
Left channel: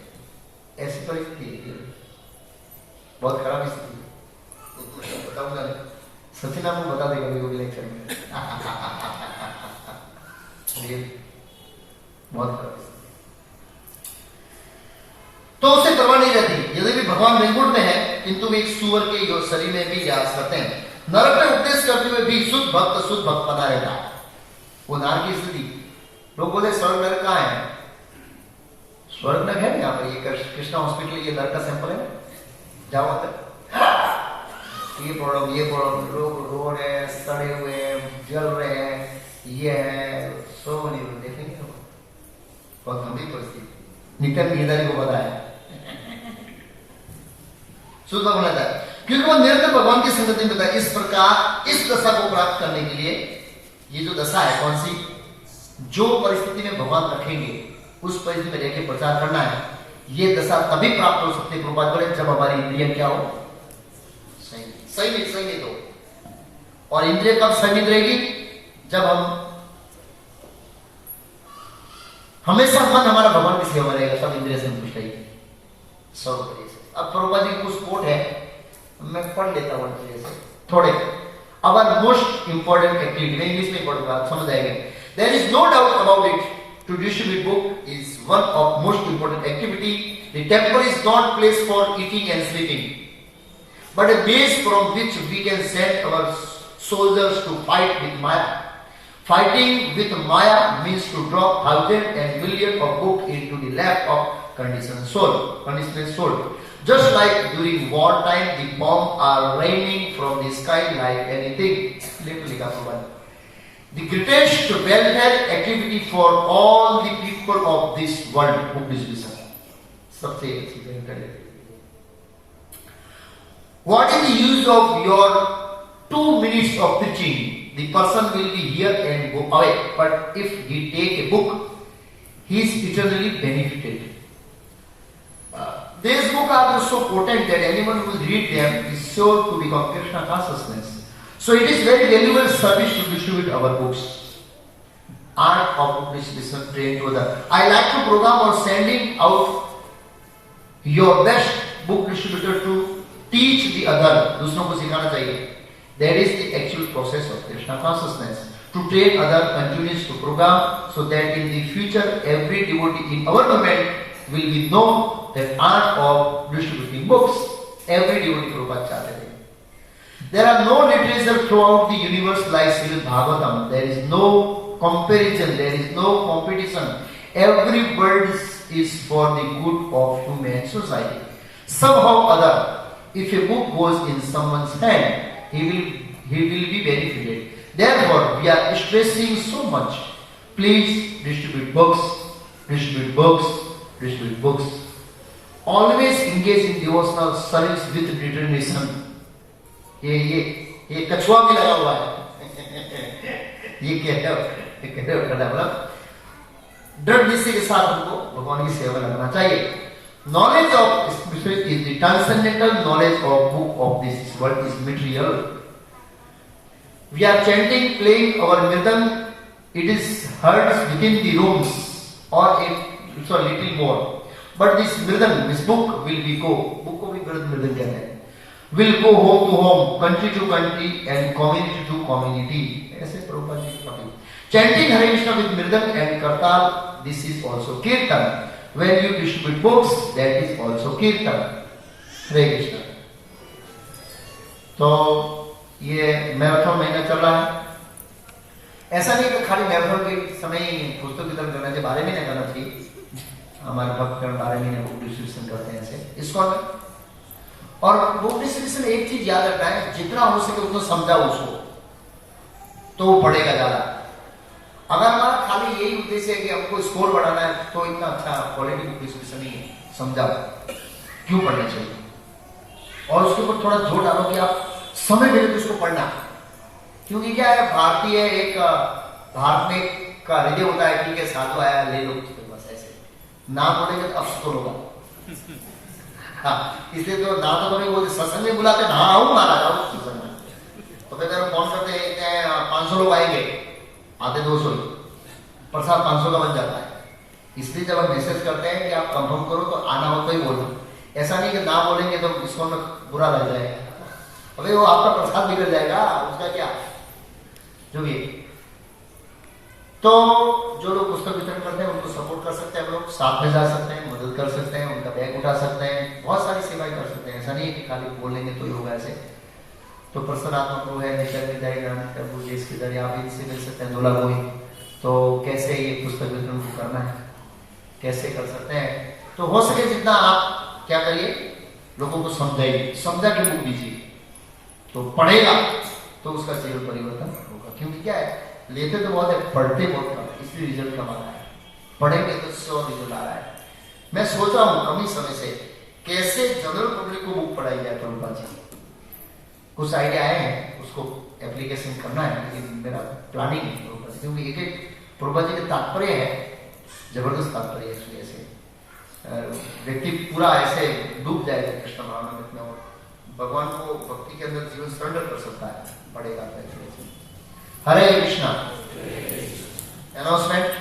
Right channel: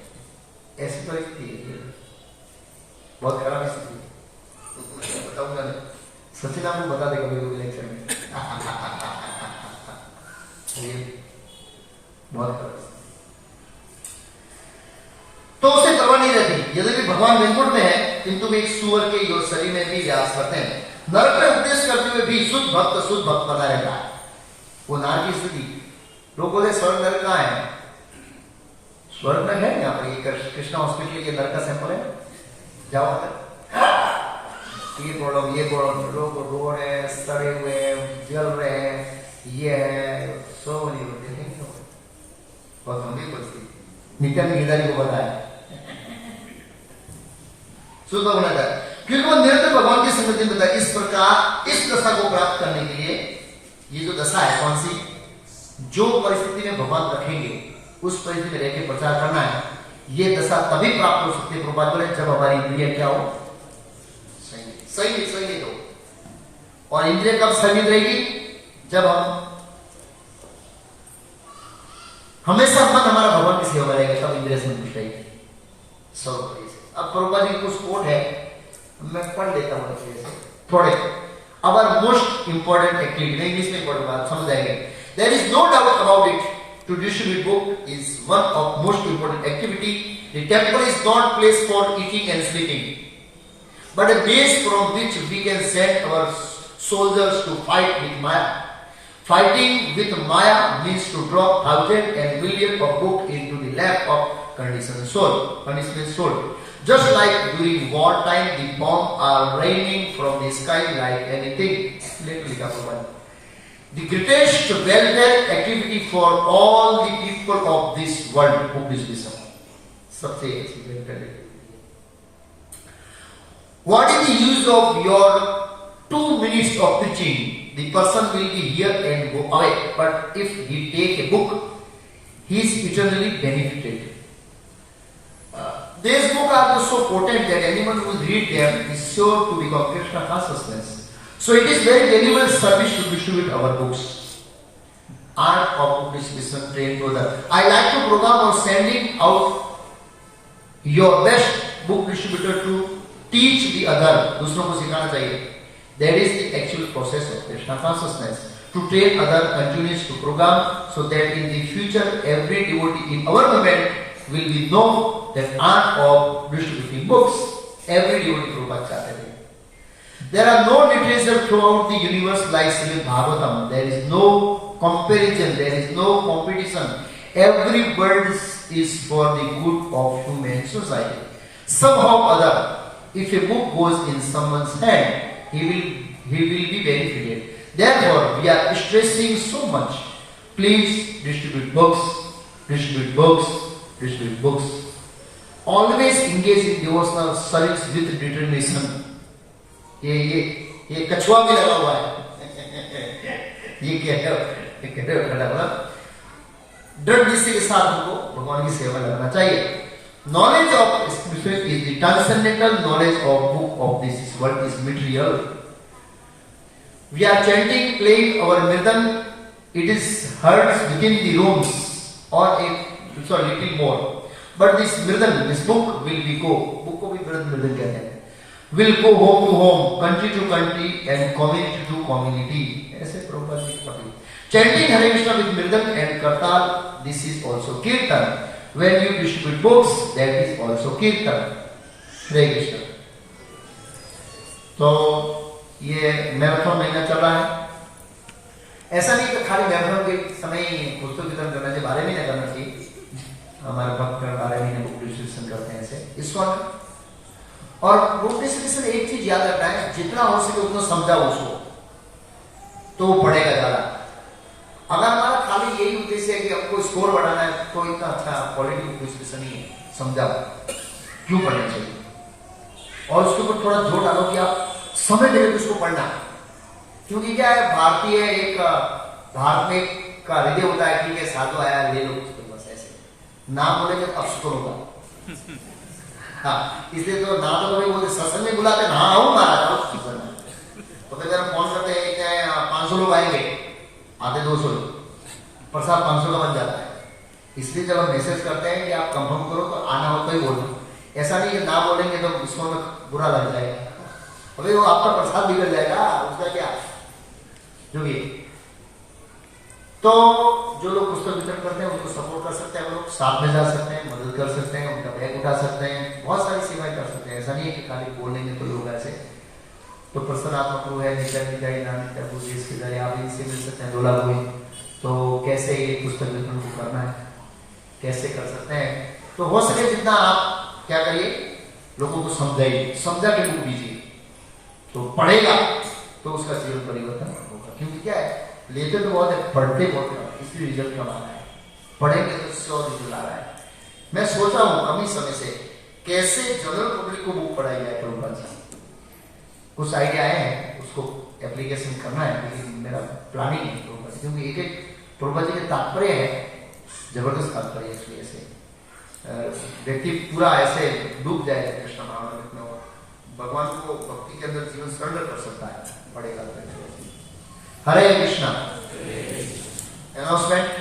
ऐसी परिस्थिति है, बहुत खराब स्थिति बताऊंगा, सचिन आपको बता देगा मेरे लेक्चर में। बहुत तो उसे परवाह नहीं रहती। यदि भी भगवान वैकुंठ में है किंतु एक सुअर के योग शरीर में भी निवास करते हैं। नरक में उपदेश करते हुए भी शुद्ध भक्त बना रहता है। वो नरक की स्थिति, लोग बोले स्वर्ग नरक कहाँ है, स्वर्ग में है यहाँ पर, ये कृष्णा हॉस्पिटल ये नरक का सैंपल है, जाओ ये प्रॉब्लम, लोग रो रहे हैं, सड़े हुए हैं, जल रहे हैं, ये है, सो नहीं देखेंगे बहुत गंभीर परिस्थिति। नित्यानंद गिरधारी को बताया शुद्ध होना था, क्योंकि वो निरंतर भगवान की संगति में था। इस प्रकार इस दशा को प्राप्त करने के लिए ये जो दशा है कौन सी, जो परिस्थिति में भगवान रखेंगे उस परिस्थिति में रहकर प्रचार करना है, ये दशा तभी प्राप्त हो सकती है प्रभुपाद बोले जब हमारी इंद्रिय क्या हो, सही नहीं तो और इंद्रिय कब स्थगित रहेगी? जब हम हमेशा मन हमारा भगवान की सेवा में रहेगा, तब इंद्रिय संतुष्ट रहेगी। अब प्रभुपाद जी कुछ कोट है, मैं पढ़ लेता हूं जैसे थोड़े। अवर मोस्ट इंपॉर्टेंट एक्टिविटी, मैं इंग्लिश में पढ़ूंगा, समझ आएगा। There is no doubt about it, to distribute book is one of most important activity. The temple is not place for eating and sleeping, but a base from which we can send our soldiers to fight with Maya. Fighting with Maya means to drop thousands and millions of books into the lap of conditioned soul. Just like during war time, the bombs are raining from the sky like anything. The greatest welfare activity for all the people of this world, book distribution. सबसे अच्छी welfare activity. What is the use of your 2 minutes of preaching? The person will be here and go away. But if he take a book, he is eternally benefited. These books are so potent that anyone who read them is sure to become Krishna consciousness. So it is very valuable service to distribute our books. Art of book distribution trained to others. I like to program or sending out your best book distributor to teach the other, दूसरों को सिखाना चाहिए. That is the actual process of Krishna consciousness. To train other continues to program, so that in the future every devotee in our movement will be know that art of distributing books. Every devotee Prabhupada चाहते थे. There are no literature throughout the universe like Srimad Bhagavatam. There is no comparison. There is no competition. Every word is for the good of human society. Somehow or other, if a book goes in someone's hand, he will be benefited. Therefore, we are stressing so much. Please distribute books, distribute books, distribute books. Always engage in devotional service with determination. ये कछुआ भी लगा हुआ है. ये क्या है? दृढ़ निश्चय के साथ हमको भगवान की सेवा लगना चाहिए. Knowledge of spirit is the transcendental knowledge of book of this world is material. We are chanting, playing our mridang. It is heard within the rooms or a little more. But this mridang, this book will be book को भी mridang कहते हैं. Will go home to home, country to country, and community to community. ऐसे प्रभुपाद जी कहते. Chanting Hare Krishna with mridang and kartal, this is also kirtan. When you distribute books, that is also kirtan. Hare Krishna. तो ये marathon महीना चल रहा है. ऐसा नहीं कि खाली मैराथन के समय पुस्तक वितरण करने के बारे में नहीं करना चाहिए. हमारे भक्त बारे में बुक डिस्ट्रीब्यूशन करते हैं ऐसे इस वक्त. और बुक डिस्ट्रीब्यूशन एक चीज याद रखना है, जितना हो सके उतना समझाओ उसको, तो पढ़ेगा ज्यादा. अगर हमारा खाली यही उद्देश्य है कि आपको स्कोर बढ़ाना है, तो इतना अच्छा क्वालिटी बुक डिस्कशन नहीं है. समझाओ क्यों पढ़ना चाहिए, और उसके ऊपर थोड़ा जोर डालो कि आप समय मिले उसको पढ़ना. क्योंकि क्या है, भारतीय एक धार्मिक का हृदय होता है. ठीक है, साधु आया ले लो, बस ऐसे नाम बोलेंगे तो अब तो होगा. हाँ, इसलिए तो ना तो कभी वो सत्संग में बुलाते ना आओ ना आ जाओ. तो फिर जब फोन करते हैं 500 लोग आएंगे, आते 200, प्रसाद 500 का बन जाता है. इसलिए जब हम मैसेज करते हैं कि आप कंफर्म करो तो आना हो तो ही बोलो. ऐसा नहीं कि ना बोलेंगे तो इसको में बुरा लग जाएगा. अभी वो आपका प्रसाद बिगड़ जाएगा, उसका क्या जो भी. तो जो लोग पुस्तक वितरण करते हैं उनको सपोर्ट कर सकते हैं. हम लोग साथ में जा सकते हैं, मदद कर सकते हैं, उनका बैग उठा सकते हैं, बहुत सारी सेवाएं कर सकते हैं. ऐसा नहीं है कि खाली बोलेंगे तो लोग ऐसे. तो प्रसन्नात्मक लोग है, निशा विदाई नानक प्रभु जी इसके जरिए आप इनसे मिल सकते हैं. जोड़ा हुए तो कैसे ये पुस्तक वितरण करना है, कैसे कर सकते हैं. तो हो सके जितना आप क्या करिए, लोगों को समझाइए, समझा के बुक दीजिए. तो पढ़ेगा तो उसका जीवन परिवर्तन होगा. क्योंकि क्या है, लेते तो बहुत है, पढ़ते बहुत है, इसलिए रिजल्ट कम आ रहा है. पढ़ेंगे तो श्योर रिजल्ट आ रहा है. मैं सोच रहा हूँ कमी समय से कैसे जनरल पब्लिक को बुक पढ़ाई जाए. प्रभुपाद जी कुछ आइडिया आए हैं, उसको एप्लीकेशन करना है, लेकिन मेरा प्लानिंग है. क्योंकि एक प्रभुपाद जी के तात्पर्य है, जबरदस्त तात्पर्य है. इसलिए ऐसे व्यक्ति पूरा ऐसे डूब जाएगा कृष्ण भावना में, भगवान को भक्ति के अंदर जीवन सरल कर सकता है, पड़ेगा। हरे कृष्णा। अनाउंसमेंट।